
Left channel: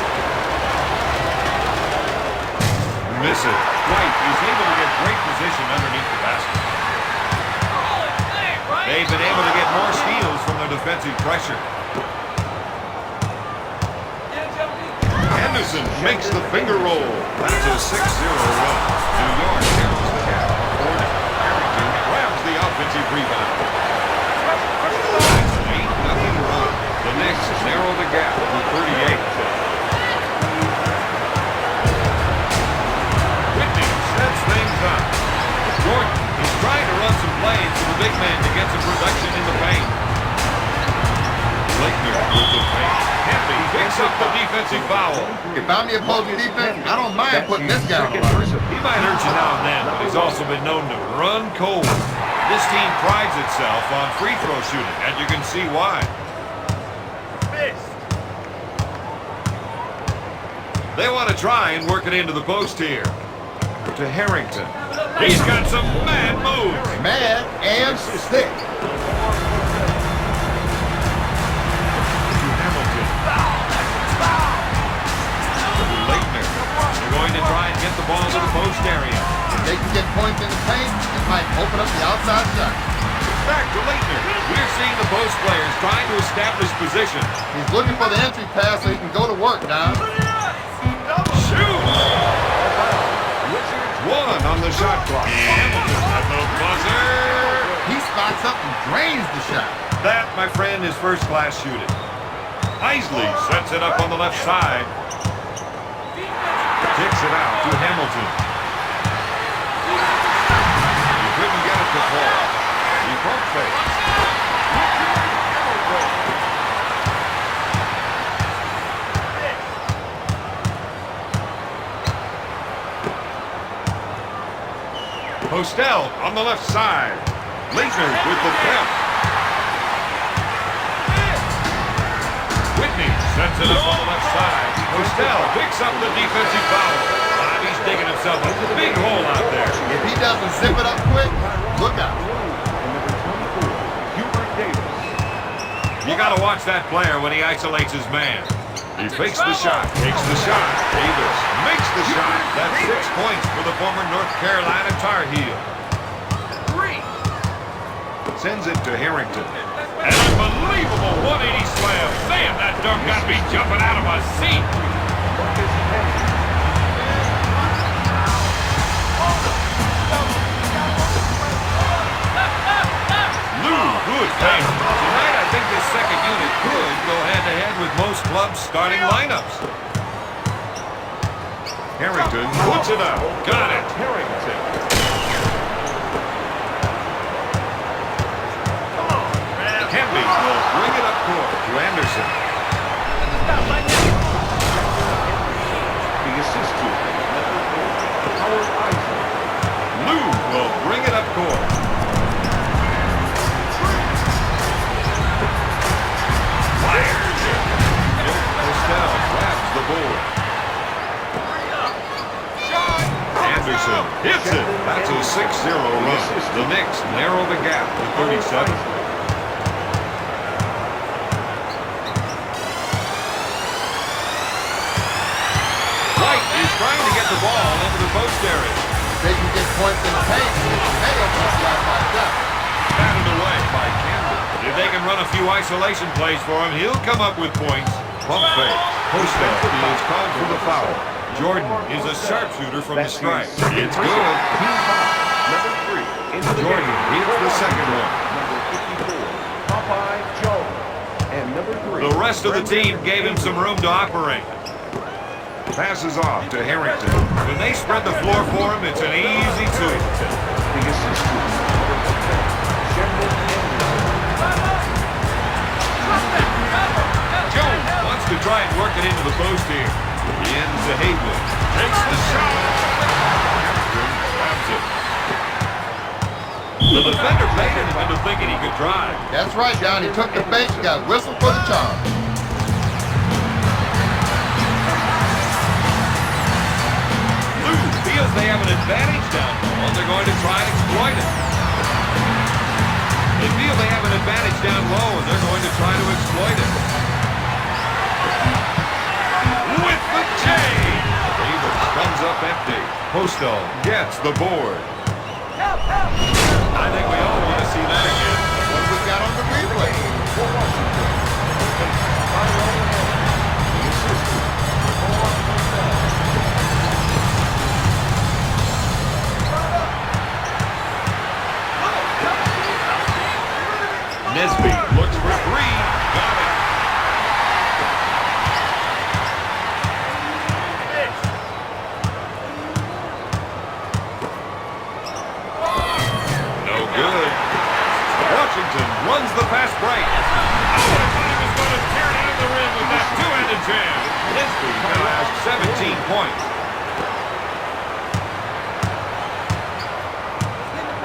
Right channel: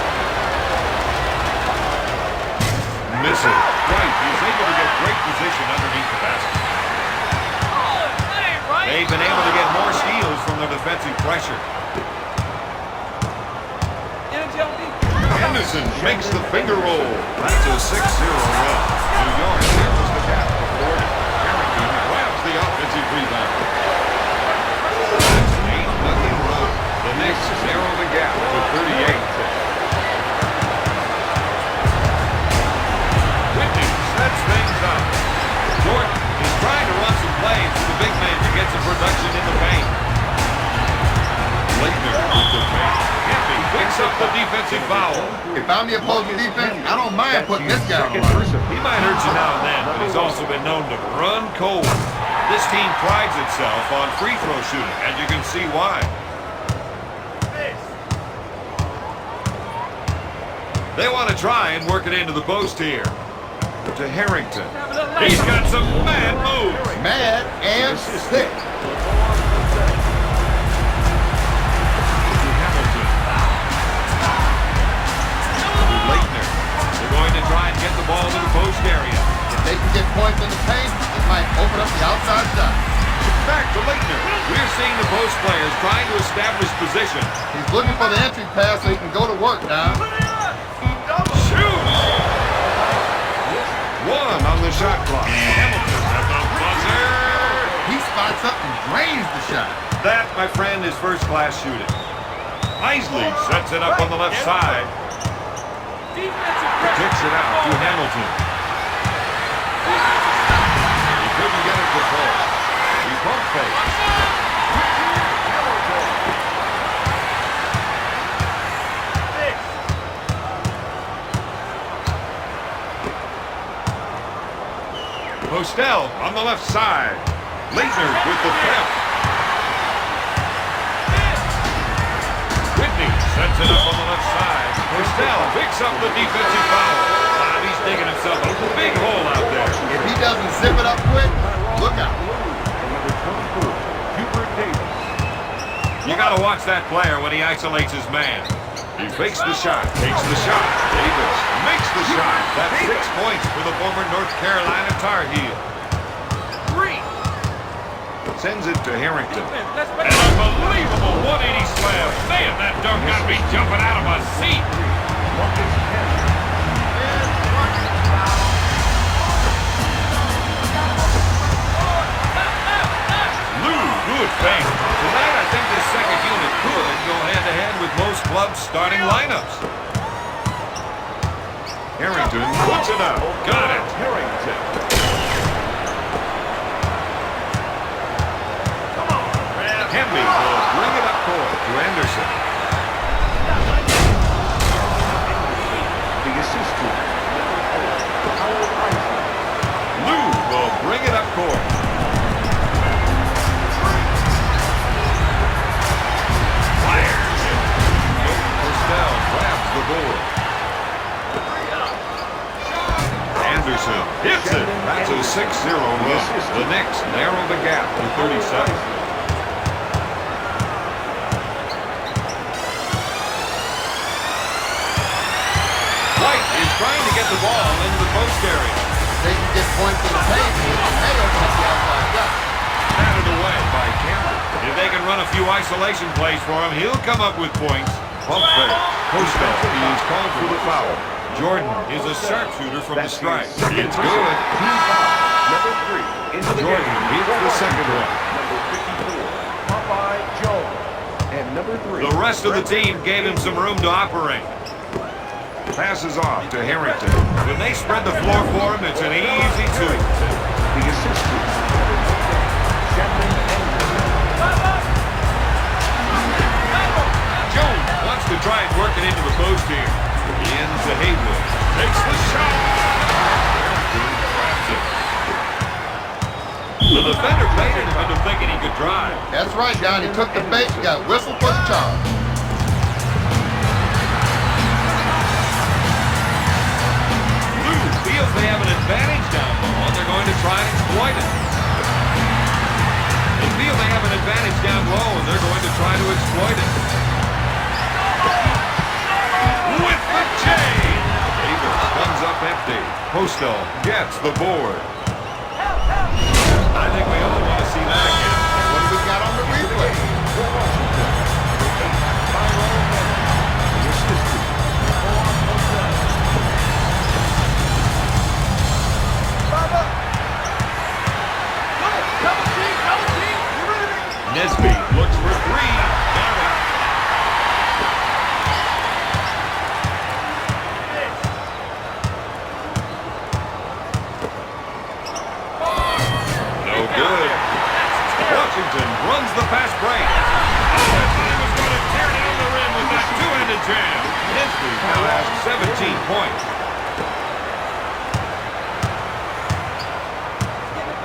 Misses. White is able to get great position underneath the basket. They've been able to get more steals from their defensive pressure. Henderson makes the finger roll. That's a 6-0 run. New York narrows the gap to 40. Harrington grabs the offensive rebound. That's an 8-0 run. The Knicks narrow the gap to 38. Whitney sets things up. Jordan is trying to run some plays to the big man to get some production in the paint. Lakener off the paint. Campy picks up the defensive foul. If I'm the opposing defense, I don't mind putting this guy on the line. He might hurt you now and then, but he's also been known to run cold. This team prides itself on free throw shooting, and you can see why. They want to try and work it into the post here. To Harrington. He's got some mad moves. Mad and sick. Lakener. They're going to try and get the ball to the post area. If they can get points in the paint, it might open up the outside shot. Back to Lakener. We're seeing the post players trying to establish position. He's looking for the entry pass so he can go to work, Don. Shoot! One on the shot clock. Hamilton at the buzzer. He spots up and drains the shot. That, my friend, is first-class shooting. Isley sets it up on the left side. Kicks it out to Hamilton. He couldn't get it to fall. He pump fakes. Postel on the left side. Lakener with the tip. Whitney sets it up on the left side. Postel picks up the defensive foul. He's digging himself a big hole out there. If he doesn't zip it up quick, look out. You got to watch that player when he isolates his man. He fakes the shot, takes the shot. Davis makes the shot. That's 6 points for the former North Carolina Tar Heel. Sends it to Harrington. An unbelievable 180 slam. Man, that dunk got me jumping out of my seat. Lou, good thing. Tonight, I think this second unit could go head-to-head with most clubs' starting lineups. Harrington puts it up. Got it. Harrington. Kemby will bring it up court to Anderson. The assist to Lou will bring it up court. Fires it. Postel grabs the board. Anderson hits it. That's a 6-0 run. The Knicks narrow the gap to 37. Trying to get the ball into the post area. They can get points in the paint. They don't get the outside shot. Batted away by Campbell. If they can run a few isolation plays for him, he'll come up with points. Pump fake. Postel is called for the foul. Jordan is a sharpshooter from the stripe. It's good. Number 3 into the Jordan hits the second one. Number 54, Popeye Jones. And number 3. The rest of the team gave him some room to operate. Passes off to Harrington. When they spread the floor for him, it's an easy two. The assistant. driving into the post here. He ends the Haywood. Takes the shot. The defender played him into thinking he could drive. That's right, Don. He took the bait and got whistled for the charge. Lou feels they have an advantage down low, and they're going to try and exploit it. They feel they have an advantage down low, and they're going to try to exploit it. With the J! Davis comes up empty. Postal gets the board. I think we all want to see that again. What we got on the replay? Nesby looks for three. Got it. No good. Washington runs the fast break. Oh, I thought he was going to tear down the rim with that two-handed jam. Nesby now has 17 points.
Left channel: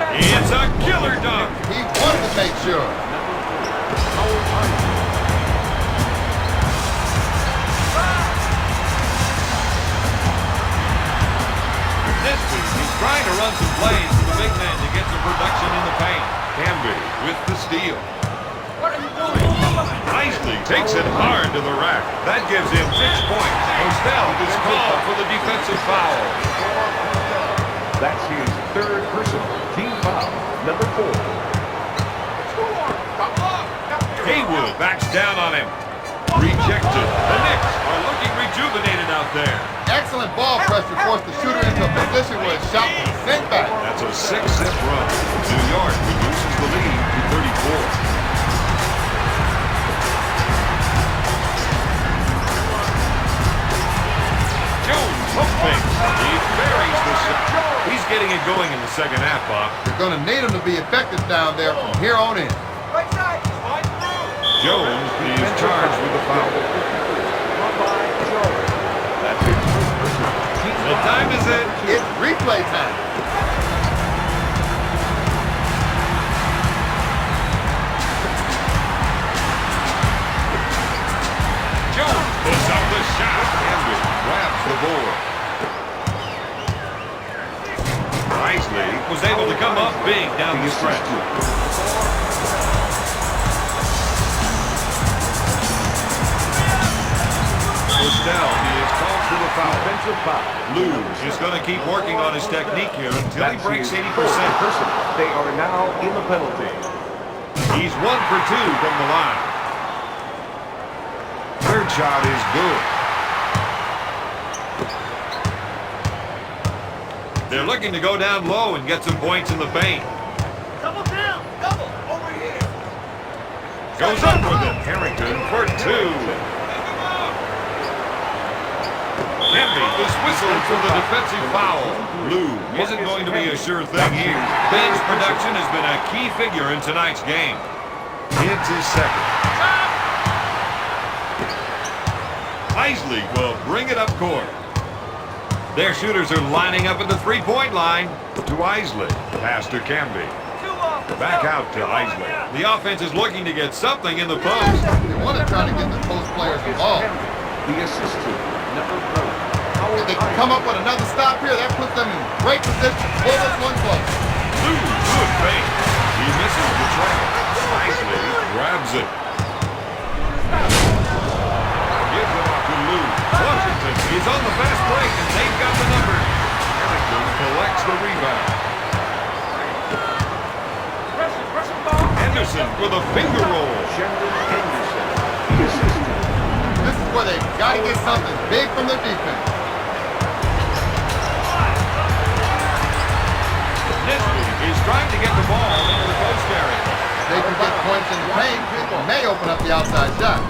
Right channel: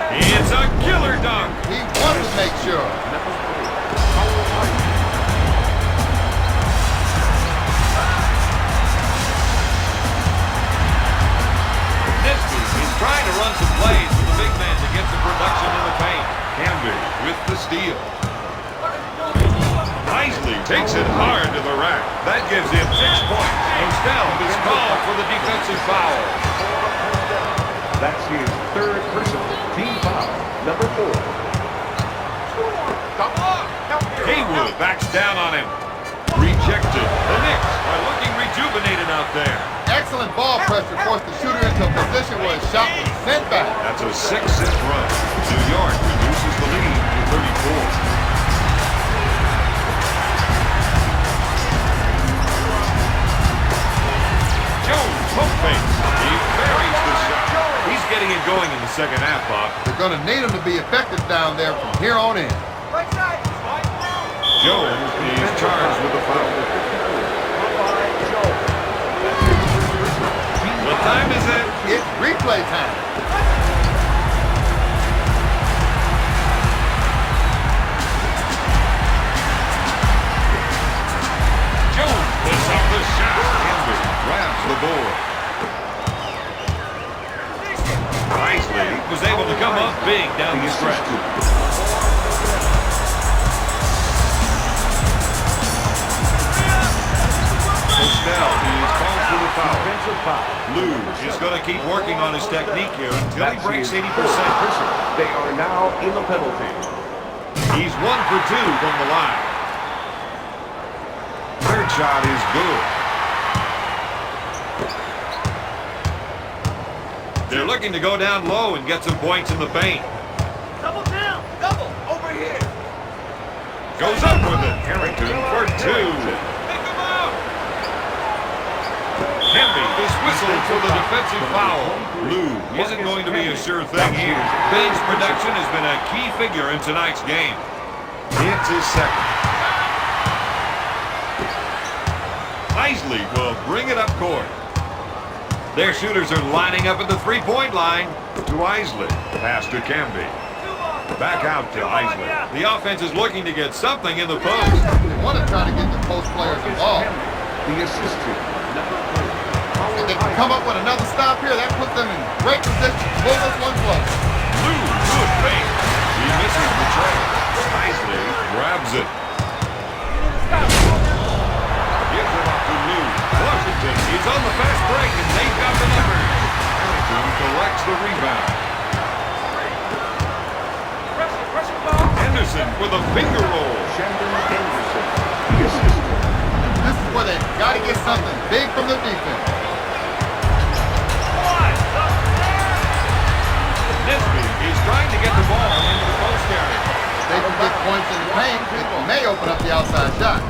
It's a killer dunk. He wanted to make sure. Nesby is trying to run some plays for the big man to get some production in the paint. Camby with the steal. Isley takes it hard to the rack. That gives him 6 points. Postel is called for the defensive foul. That's his third personal team foul, number 4. Haywood backs down on him. Rejected. The Knicks are looking rejuvenated out there. Excellent ball pressure forced the shooter into a position where his shot was sent back. That's a 6-set run. New York reduces the lead to 34. Jones, hook fake. He buries the shot. He's getting it going in the second half, Bob. They're going to need him to be effective down there from here on in. Right side. Jones is charged with the foul. What time is it? It's replay time. Jones puts up the shot. Camby grabs the board. Isley was able to come up big down the stretch. Postel is called for the foul. Defensive foul. Lou is going to keep working on his technique here until he breaks 80%. They are now in the penalty. He's 1 for 2 from the line. Third shot is good. They're looking to go down low and get some points in the paint. Double down. Double. Over here. Goes up with it. Harrington for 2. Camby is whistled for the defensive foul. Lou isn't going to be a sure thing here. Bain's production has been a key figure in tonight's game. It's his second. Isley will bring it up court. Their shooters are lining up at the three-point line. To Isley. Pass to Camby. Back out to Isley. The offense is looking to get something in the post. They want to try to get the post players involved. The assistant, number 3. If they can come up with another stop here, that puts them in great position to pull this one close. Lou, good fake. He misses the trail. Isley grabs it. Gives it up to Lou. Washington is on the fast break, and they've got the numbers. Harrington collects the rebound. Henderson with a finger roll. This is where they've got to get something big from their defense. Nesby is trying to get the ball into the post area. They can get points in the paint. It may open up the outside shot.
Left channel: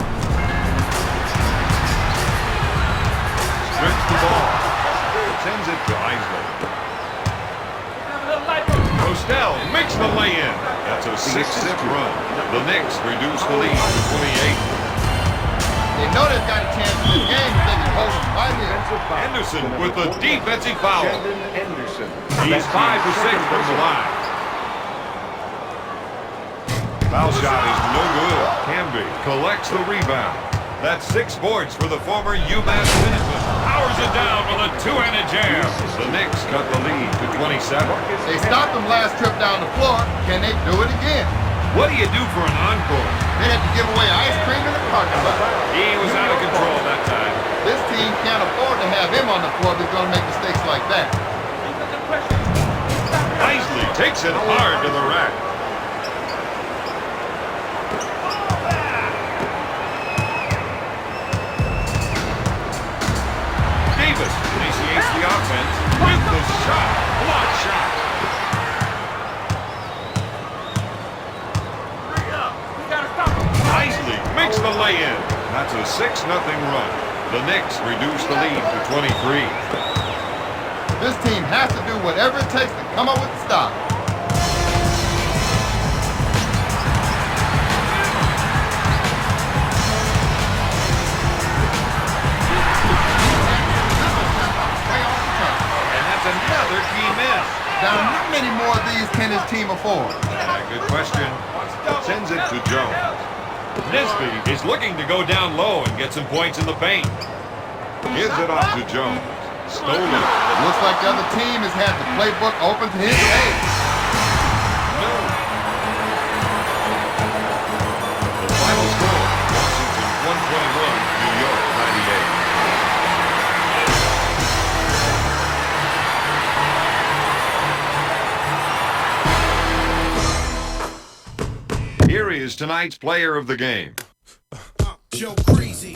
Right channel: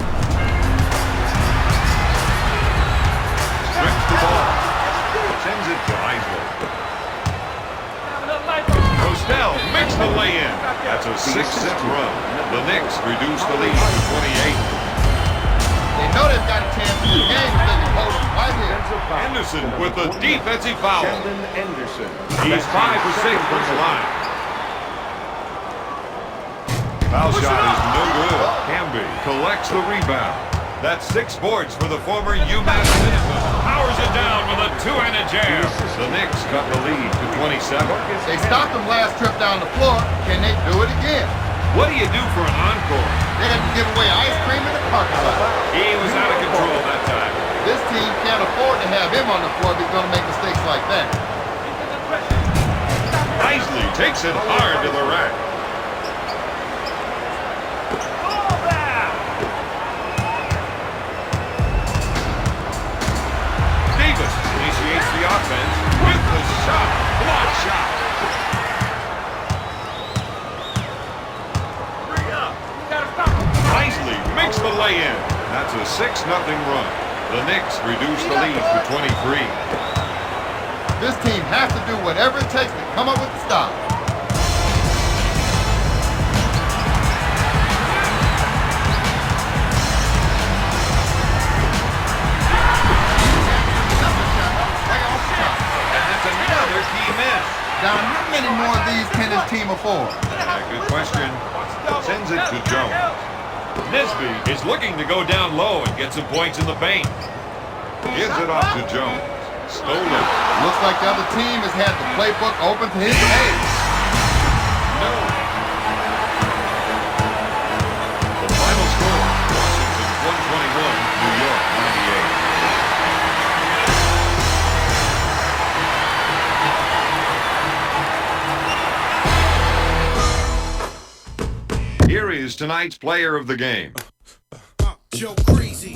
Strips the ball. Sends it to Isley. Postel makes the lay-in. That's a 6-set run. The Knicks reduce the lead to 28. They know they've got a chance in the game. Offensive foul. Anderson To with number a 40, defensive foul. Shandon Anderson. He's 5 for 6 from the line. Foul shot is no good. Camby collects the rebound. That's 6 boards for the former UMass Minuteman. Powers it down with a two-handed jam. The Knicks cut the lead to 27. They stopped him last trip down the floor. Can they do it again? What do you do for an encore? They'd have to give away ice cream in the parking lot. He was out of control that time. This team can't afford to have him on the floor if he's going to make mistakes like that. Isley takes it hard to the rack. Davis initiates the offense with the shot. Block shot. Isley makes the lay-in. That's a 6-0 run. The Knicks reduce the lead to 23. This team has to do whatever it takes to come up with the stop. And that's another key miss. Now, how many more of these can this team afford? Good question. Sends it to Jones. Nesby is looking to go down low and get some points in the paint. Gives it off to Jones. Stolen. Looks like the other team has had the playbook open to his aid. No. The final score, Washington 121, New York 98. Here is tonight's player of the game. Joe Crazy.